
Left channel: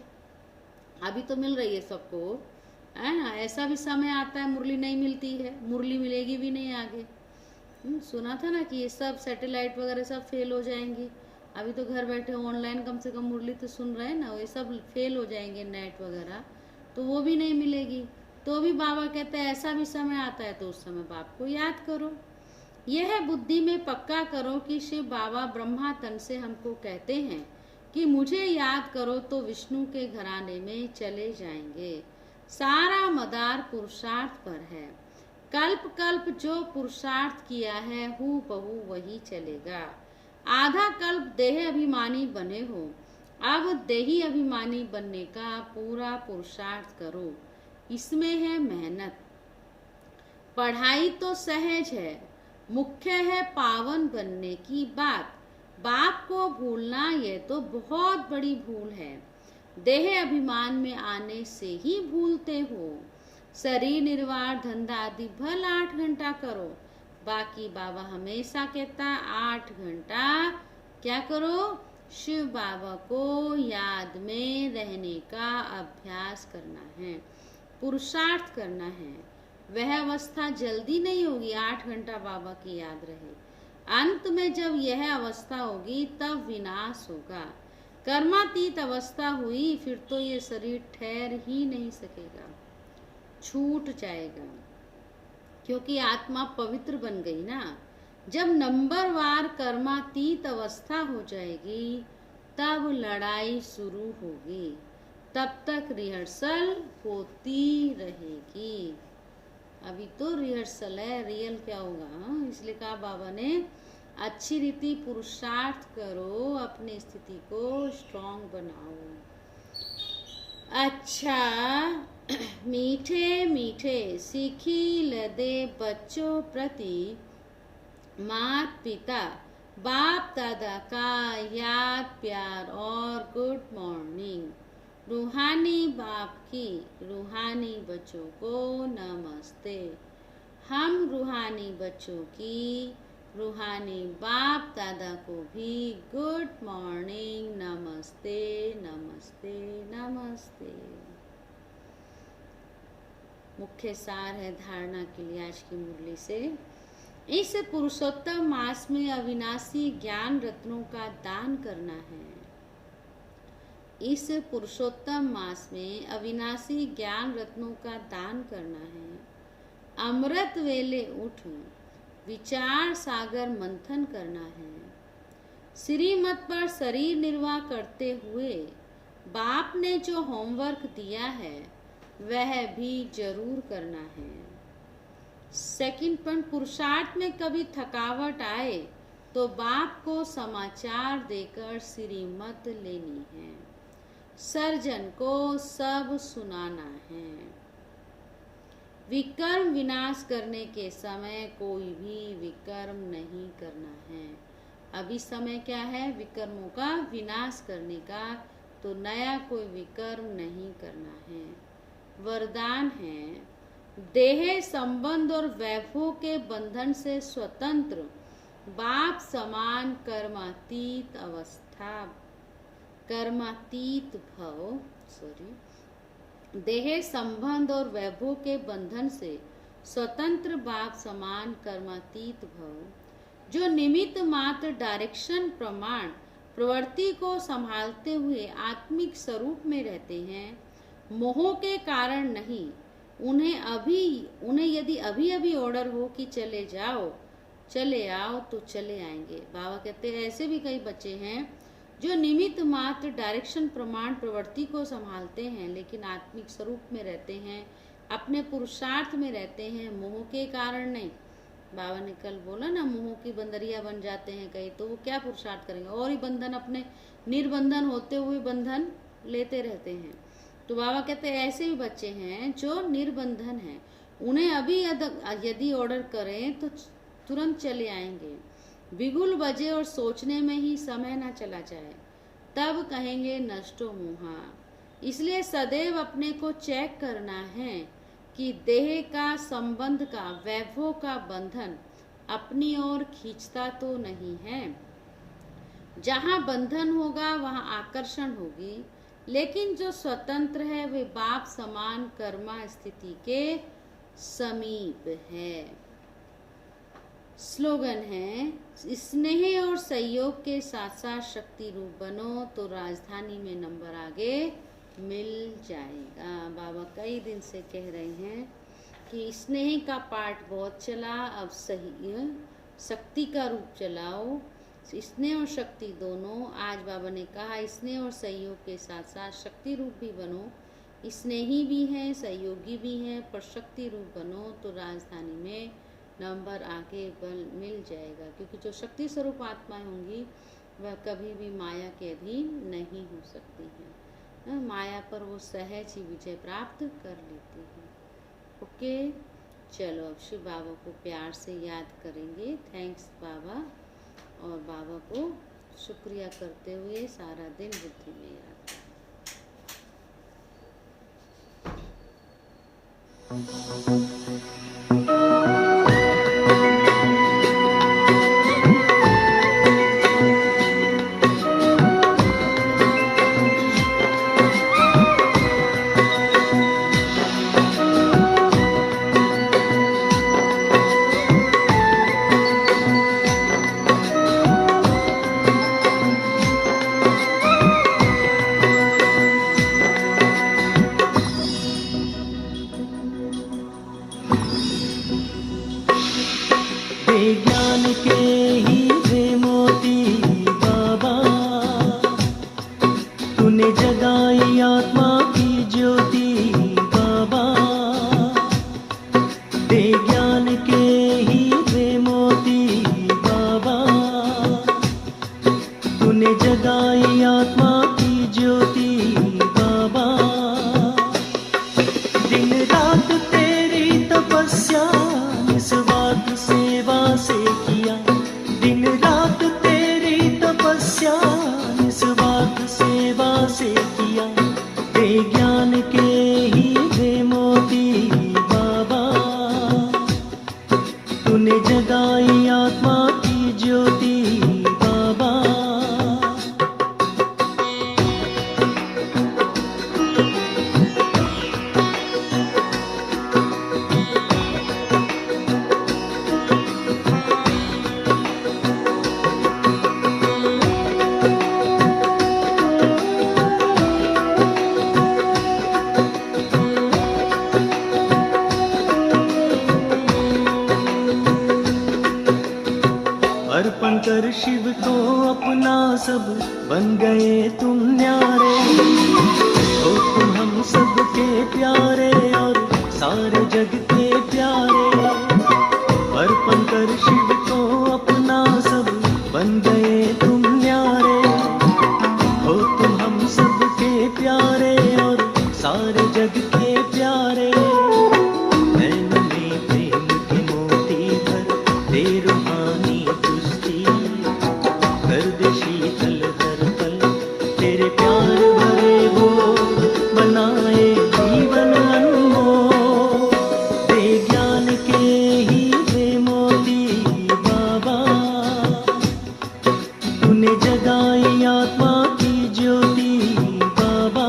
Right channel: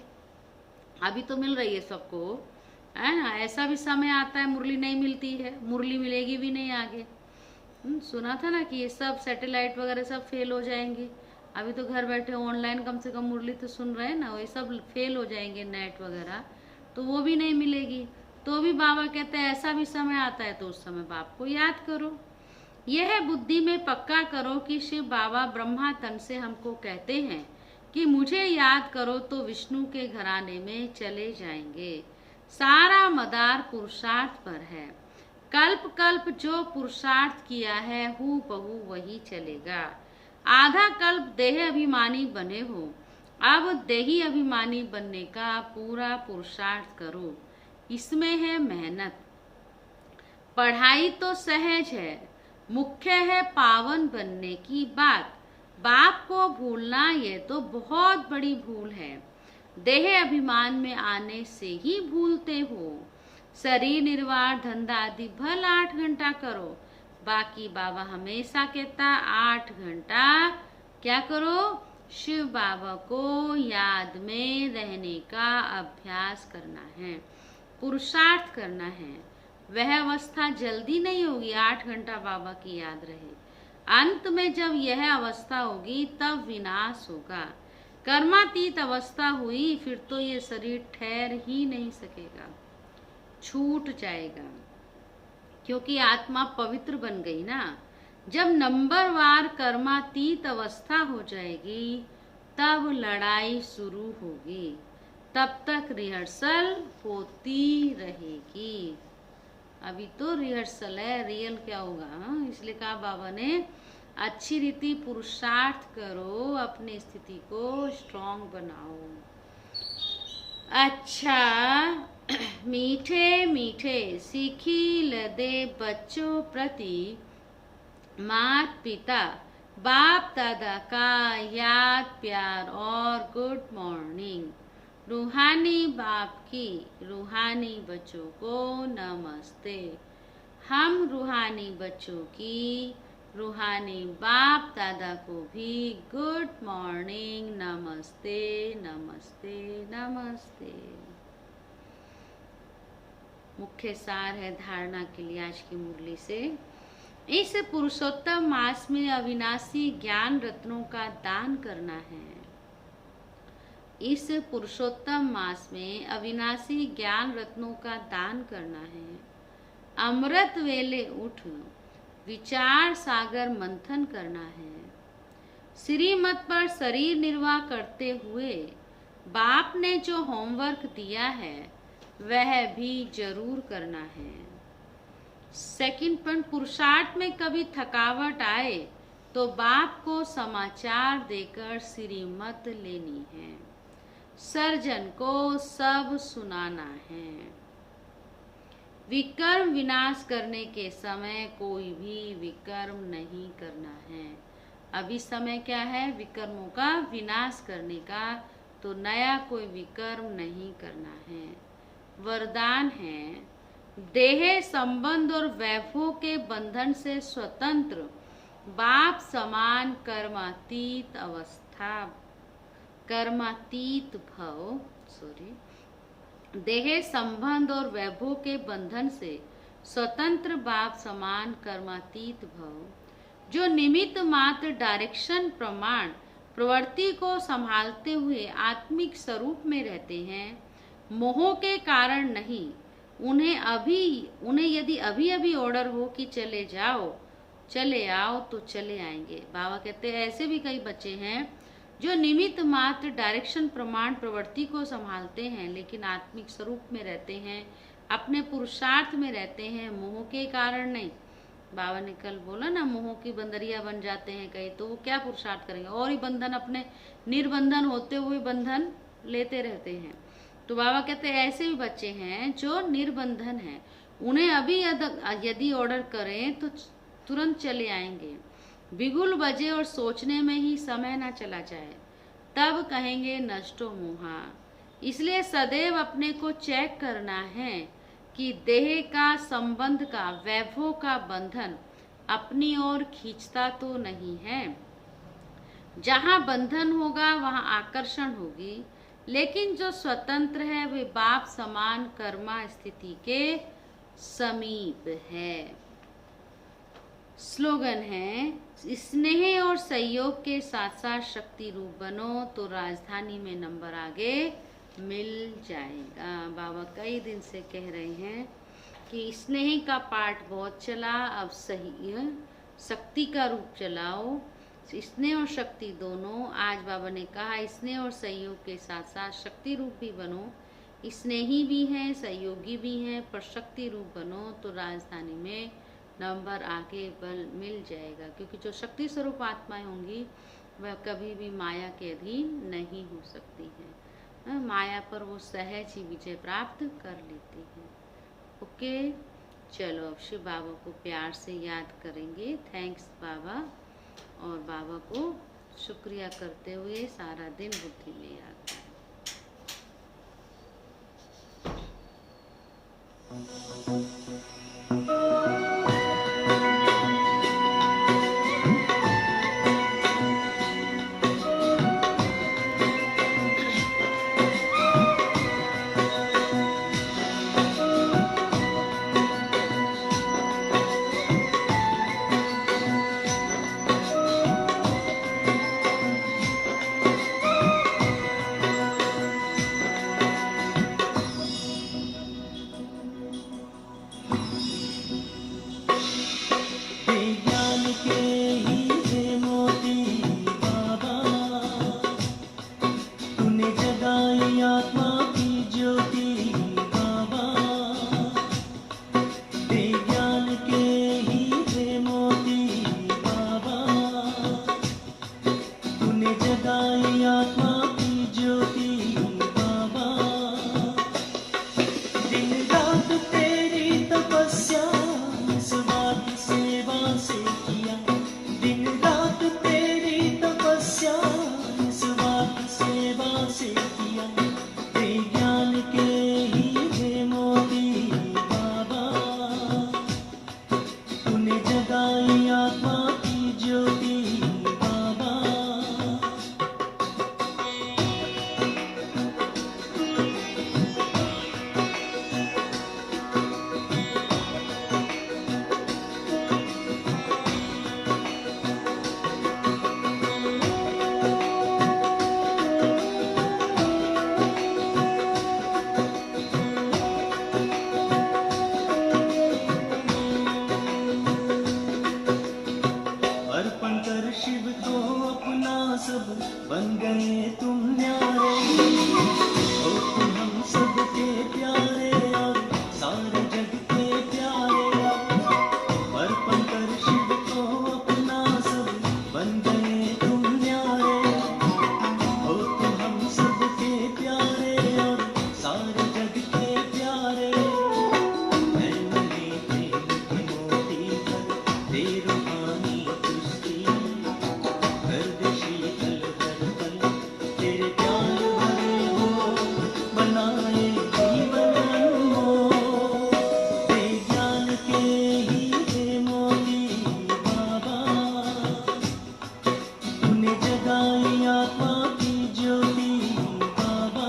अभी तो मिल रही है सबको, है ना। ऐसा भी समय आता है मुरली नहीं मिलती है, मुरली मिलेगी भी नहीं आगे। सुना था ना कि ये सब सैटेलाइट वगैरह सब फेल हो जाएंगे। अभी तो घर बैठे ऑनलाइन कम से कम मुरली तो सुन रहे हैं ना, वो सब फेल हो जाएंगे नेट वगैरह, तो वो भी नहीं मिलेगी। तो भी बाबा कहते हैं ऐसा भी समय आता है तो उस समय बाप को याद करो। यह बुद्धि में पक्का करो कि शिव बाबा ब्रह्मा तन से हमको कहते हैं कि मुझे याद करो तो विष्णु के घराने में चले जाएंगे। सारा मदार पुरुषार्थ पर है। कल्प कल्प जो पुरुषार्थ किया है हूबहू वही चलेगा। आधा कल्प देह अभिमानी बने हो, अब देही अभिमानी बनने का पूरा पुरुषार्थ करो। इसमें है मेहनत। पढ़ाई तो सहज है, मुख्य है पावन बनने की बात। बाप को भूलना ये तो बहुत बड़ी भूल है। देह अभिमान में आने से ही भूलते हो। शरीर निर्वाह धंधा आदि भल 8 घंटा करो, बाकी बाबा हमेशा कहता 8 घंटा क्या करो, शिव बाबा को याद में रहने का अभ्यास करना है, पुरुषार्थ करना है। वह अवस्था जल्दी नहीं होगी 8 घंटा बाबा की याद रहे। अंत में जब यह अवस्था होगी तब विनाश होगा। कर्मातीत अवस्था हुई फिर तो ये शरीर ठहर ही नहीं सकेगा, छूट जाएगा, क्योंकि आत्मा पवित्र बन गई ना। जब नंबरवार कर्मातीत अवस्था हो जाएगी तब लड़ाई शुरू होगी, तब तक रिहर्सल होती रहेगी। अभी तो रिहर्सल है, रियल क्या होगा। इसलिए कहा बाबा ने अच्छी रीति पुरुषार्थ करो, अपनी स्थिति को स्ट्रांग बनाओ। अच्छा, मीठे मीठे सीखी लदे बच्चों प्रति मात पिता बाप दादा का याद प्यार और गुड मॉर्निंग। रूहानी बाप की रूहानी बच्चों को नमस्ते। हम रूहानी बच्चों की रूहानी बाप दादा को भी गुड मॉर्निंग, नमस्ते नमस्ते नमस्ते। मुख्य सार है धारणा के लिए आज की मुरली से। इस पुरुषोत्तम मास में अविनाशी ज्ञान रत्नों का दान करना है। इस पुरुषोत्तम मास में अविनाशी ज्ञान रत्नों का दान करना है। अमृत वेले उठ विचार सागर मंथन करना है। श्रीमत पर शरीर निर्वाह करते हुए बाप ने जो होमवर्क दिया है वह भी जरूर करना है। सेकंड पॉइंट, पुरुषार्थ में कभी थकावट आए तो बाप को समाचार देकर श्रीमत लेनी है। सर्जन को सब सुनाना है। विकर्म विनाश करने के समय कोई भी विकर्म नहीं करना है। अभी समय क्या है, विकर्मों का विनाश करने का, तो नया कोई विकर्म नहीं करना है। वरदान है, देह संबंध और वैभव के बंधन से स्वतंत्र बाप समान कर्मातीत अवस्था, कर्मातीत भव, देह संबंध और वैभव के बंधन से स्वतंत्र बाप समान कर्मातीत भव, जो निमित्त मात्र डायरेक्शन प्रमाण प्रवृत्ति को संभालते हुए आत्मिक स्वरूप में रहते हैं, मोह के कारण नहीं। उन्हें यदि अभी अभी ऑर्डर हो कि चले जाओ चले आओ तो चले आएंगे। बाबा कहते हैं ऐसे भी कई बच्चे हैं जो निमित्त मात्र डायरेक्शन प्रमाण प्रवृत्ति को संभालते हैं लेकिन आत्मिक स्वरूप में रहते हैं, अपने पुरुषार्थ में रहते हैं, मोह के कारण नहीं। बाबा ने कल बोला ना, मोह की बंदरिया बन जाते हैं कई, तो वो क्या पुरुषार्थ करेंगे, और ही बंधन, अपने निर्बंधन होते हुए बंधन लेते रहते हैं। तो बाबा कहते हैं ऐसे भी बच्चे हैं जो निर्बंधन हैं, उन्हें अभी यदि ऑर्डर करें तो तुरंत चले आएंगे। बिगुल बजे और सोचने में ही समय ना चला जाए, तब कहेंगे नष्टो मोहा। इसलिए सदैव अपने को चेक करना है कि देह का संबंध का, वैभव का बंधन अपनी ओर खींचता तो नहीं है। जहाँ बंधन होगा वहाँ आकर्षण होगी, लेकिन जो स्वतंत्र है वे बाप समान कर्मा स्थिति के समीप है। स्लोगन है, स्नेह और सहयोग के साथ साथ शक्ति रूप बनो तो राजधानी में नंबर आगे मिल जाएगा। बाबा कई दिन से कह रहे हैं कि स्नेह का पाठ बहुत चला, अब सही शक्ति का रूप चलाओ। स्नेह और शक्ति दोनों, आज बाबा ने कहा स्नेह और सहयोग के साथ साथ शक्ति रूप भी बनो। स्नेही भी हैं, सहयोगी भी हैं, पर शक्ति रूप बनो तो राजधानी में नंबर आगे बल मिल जाएगा। क्योंकि जो शक्ति स्वरूप आत्माएं होंगी वह कभी भी माया के अधीन नहीं हो सकती हैं। माया पर वो सहज ही विजय प्राप्त कर लेती है। ओके, चलो अब शिव बाबा को प्यार से याद करेंगे। थैंक्स बाबा, और बाबा को शुक्रिया करते हुए सारा दिन बुद्धि में याद करें। ज्ञान के हीरे मोती बाबा, तूने जगाई आत्मा की ज्योति बाबा। दे ज्ञान के हीरे मोती बाबा, तूने जगाई आत्मा की ज्योति बाबा। दिन रात तेरी तपस्या निस्वार्थ सेवा से किया, दिन रात तेरी तपस्या निस्वार्थ सेवा से किया। दे ज्ञान के हीरे मोती बाबा, तूने जगाई आत्मा की ज्योति बाबा। अर्पण कर शिव को अपना सब, बन गए तुम न्यारे। हो तुम हम सबके प्यारे और सारे जग के प्यारे। अर्पण कर शिव को अपना सब, बन गए तुम न्यारे। हो तुम हम सबके प्यारे और सारे जग के प्यारे। नैन में प्रेम के मोती भर दे रूहानी कुश्ती, कर दे शीतल हर पल तेरे प्यार भरे वो, बनाए जीवन अनमोल। दे ज्ञान के हीरे मोती बाबा, तूने जगाई आत्मा की ज्योति बाबा।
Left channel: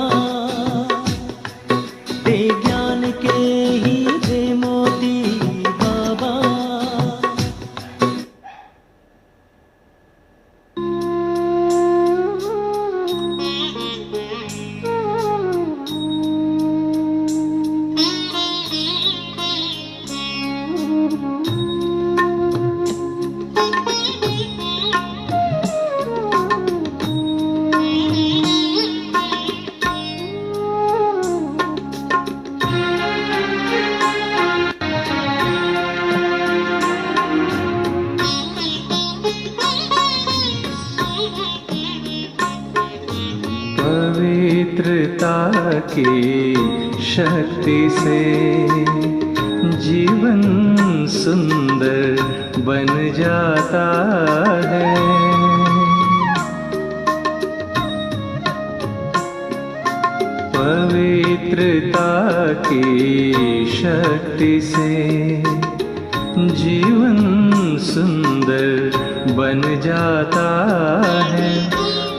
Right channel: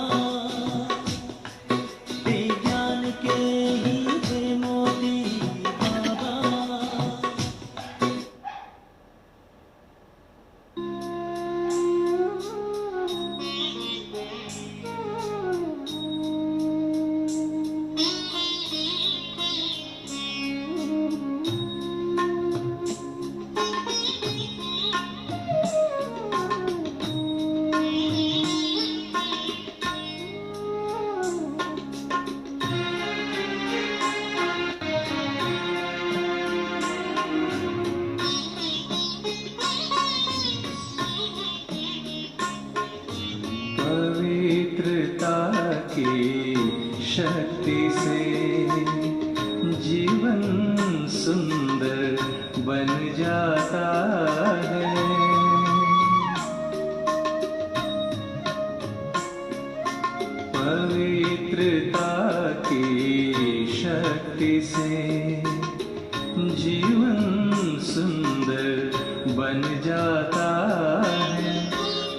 दे ज्ञान के हीरे मोती बाबा। पवित्रता की शक्ति से जीवन सुंदर बन जाता है। पवित्रता की शक्ति से जीवन सुंदर बन जाता है।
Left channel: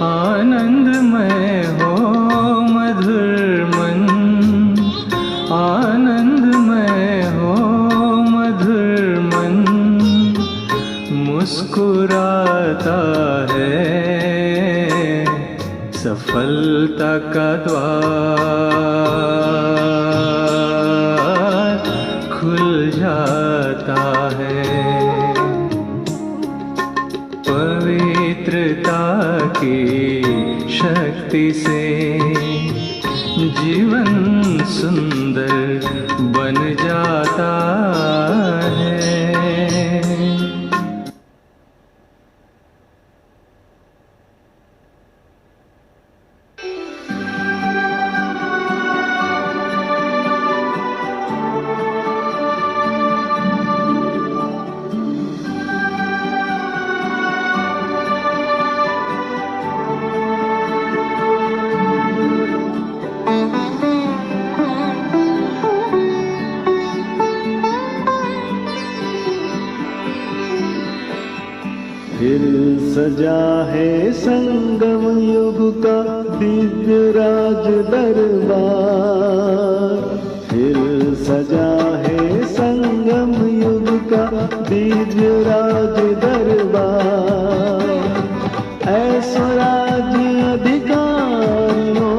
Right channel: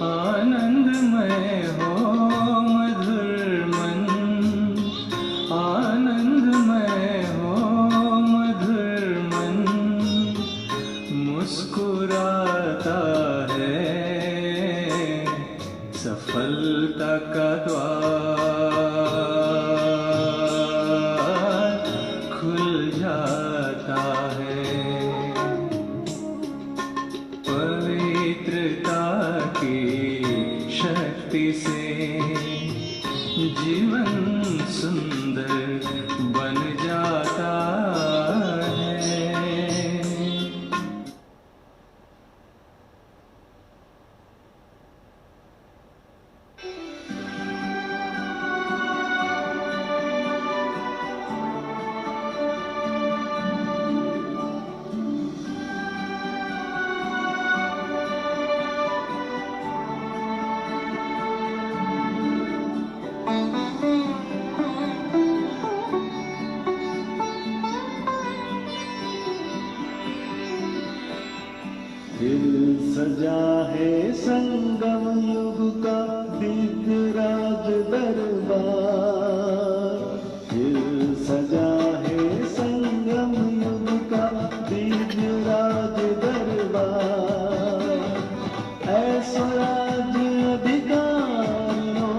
आनंदमय हो मधुर मन, आनंदमय हो मधुर मन, मुस्कुराता है सफलता का द्वार खुल जाता है। पवित्रता की शक्ति से जीवन सुंदर बन जाता है। फिर सजा है संगम युग का दिव्य राज दरबार। फिर सजा है संगम युग का दिव्य राज दरबार। ऐसो राज्य अधिकारियों,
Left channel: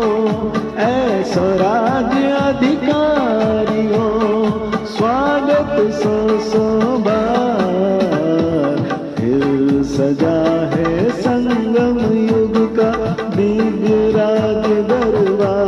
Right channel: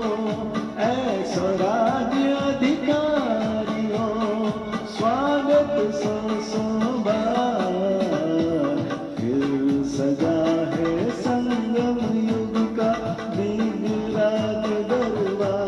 ऐसो राज्य अधिकारियों, स्वागत सो बार। फिर सजा है संगम युग का दिव्य राज दरबार।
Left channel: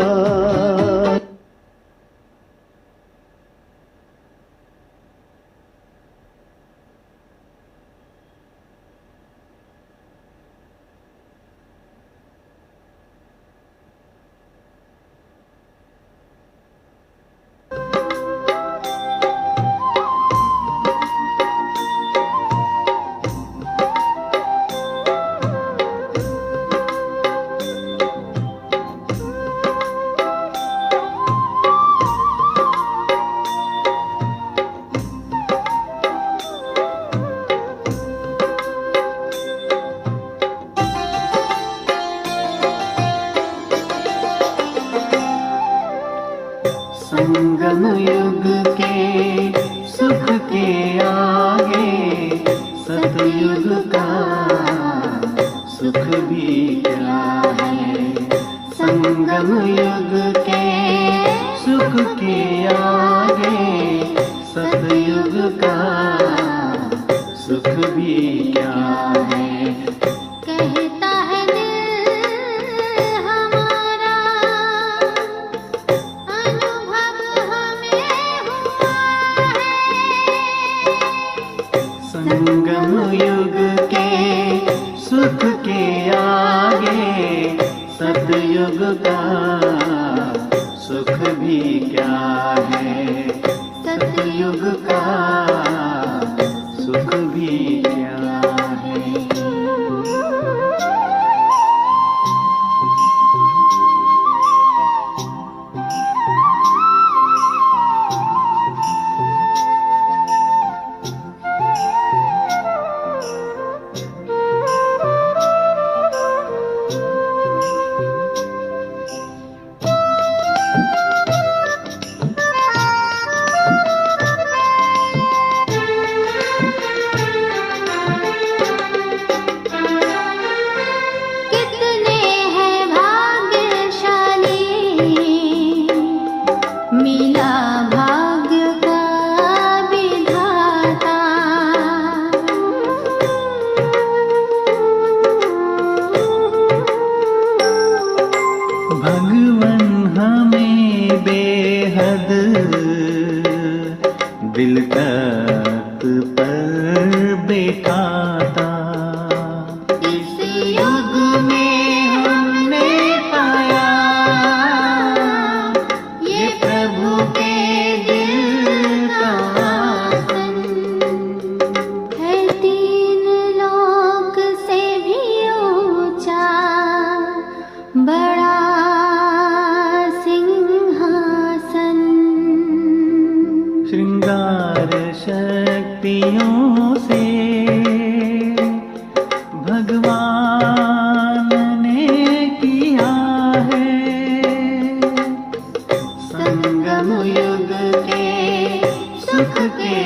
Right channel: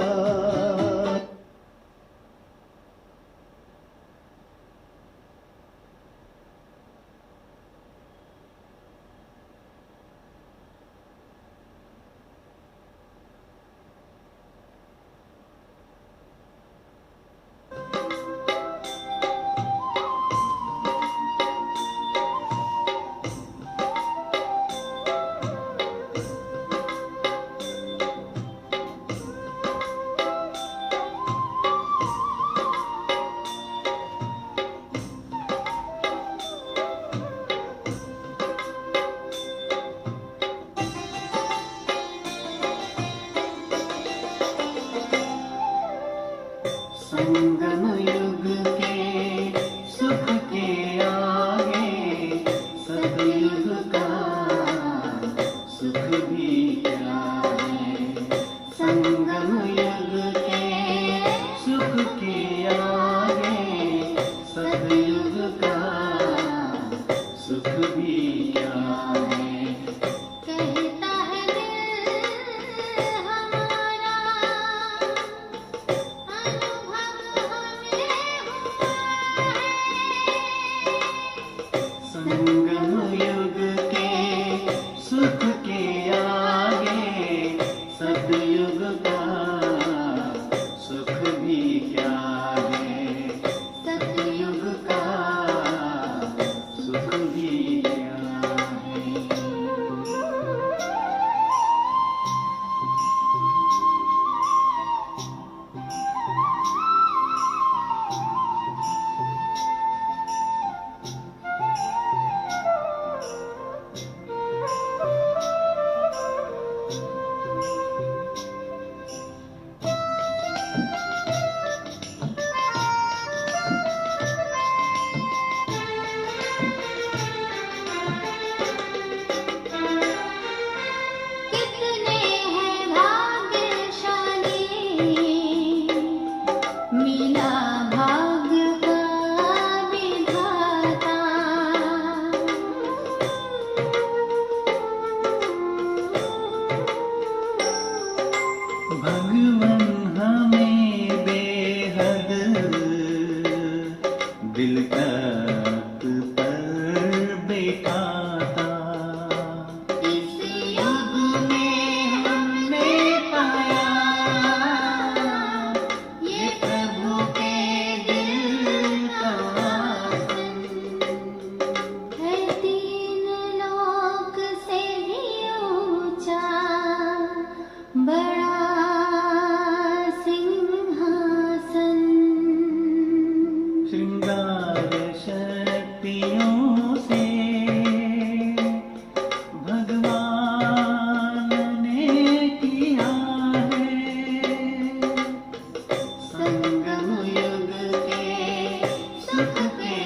संगम युग के सुख के आगे सतयुग का सुख भी क्या है। संगम युग के सुख के आगे सतयुग का सुख भी क्या है। कहता है दिल हमारा, अनुभव हमें हुआ युग के सुख के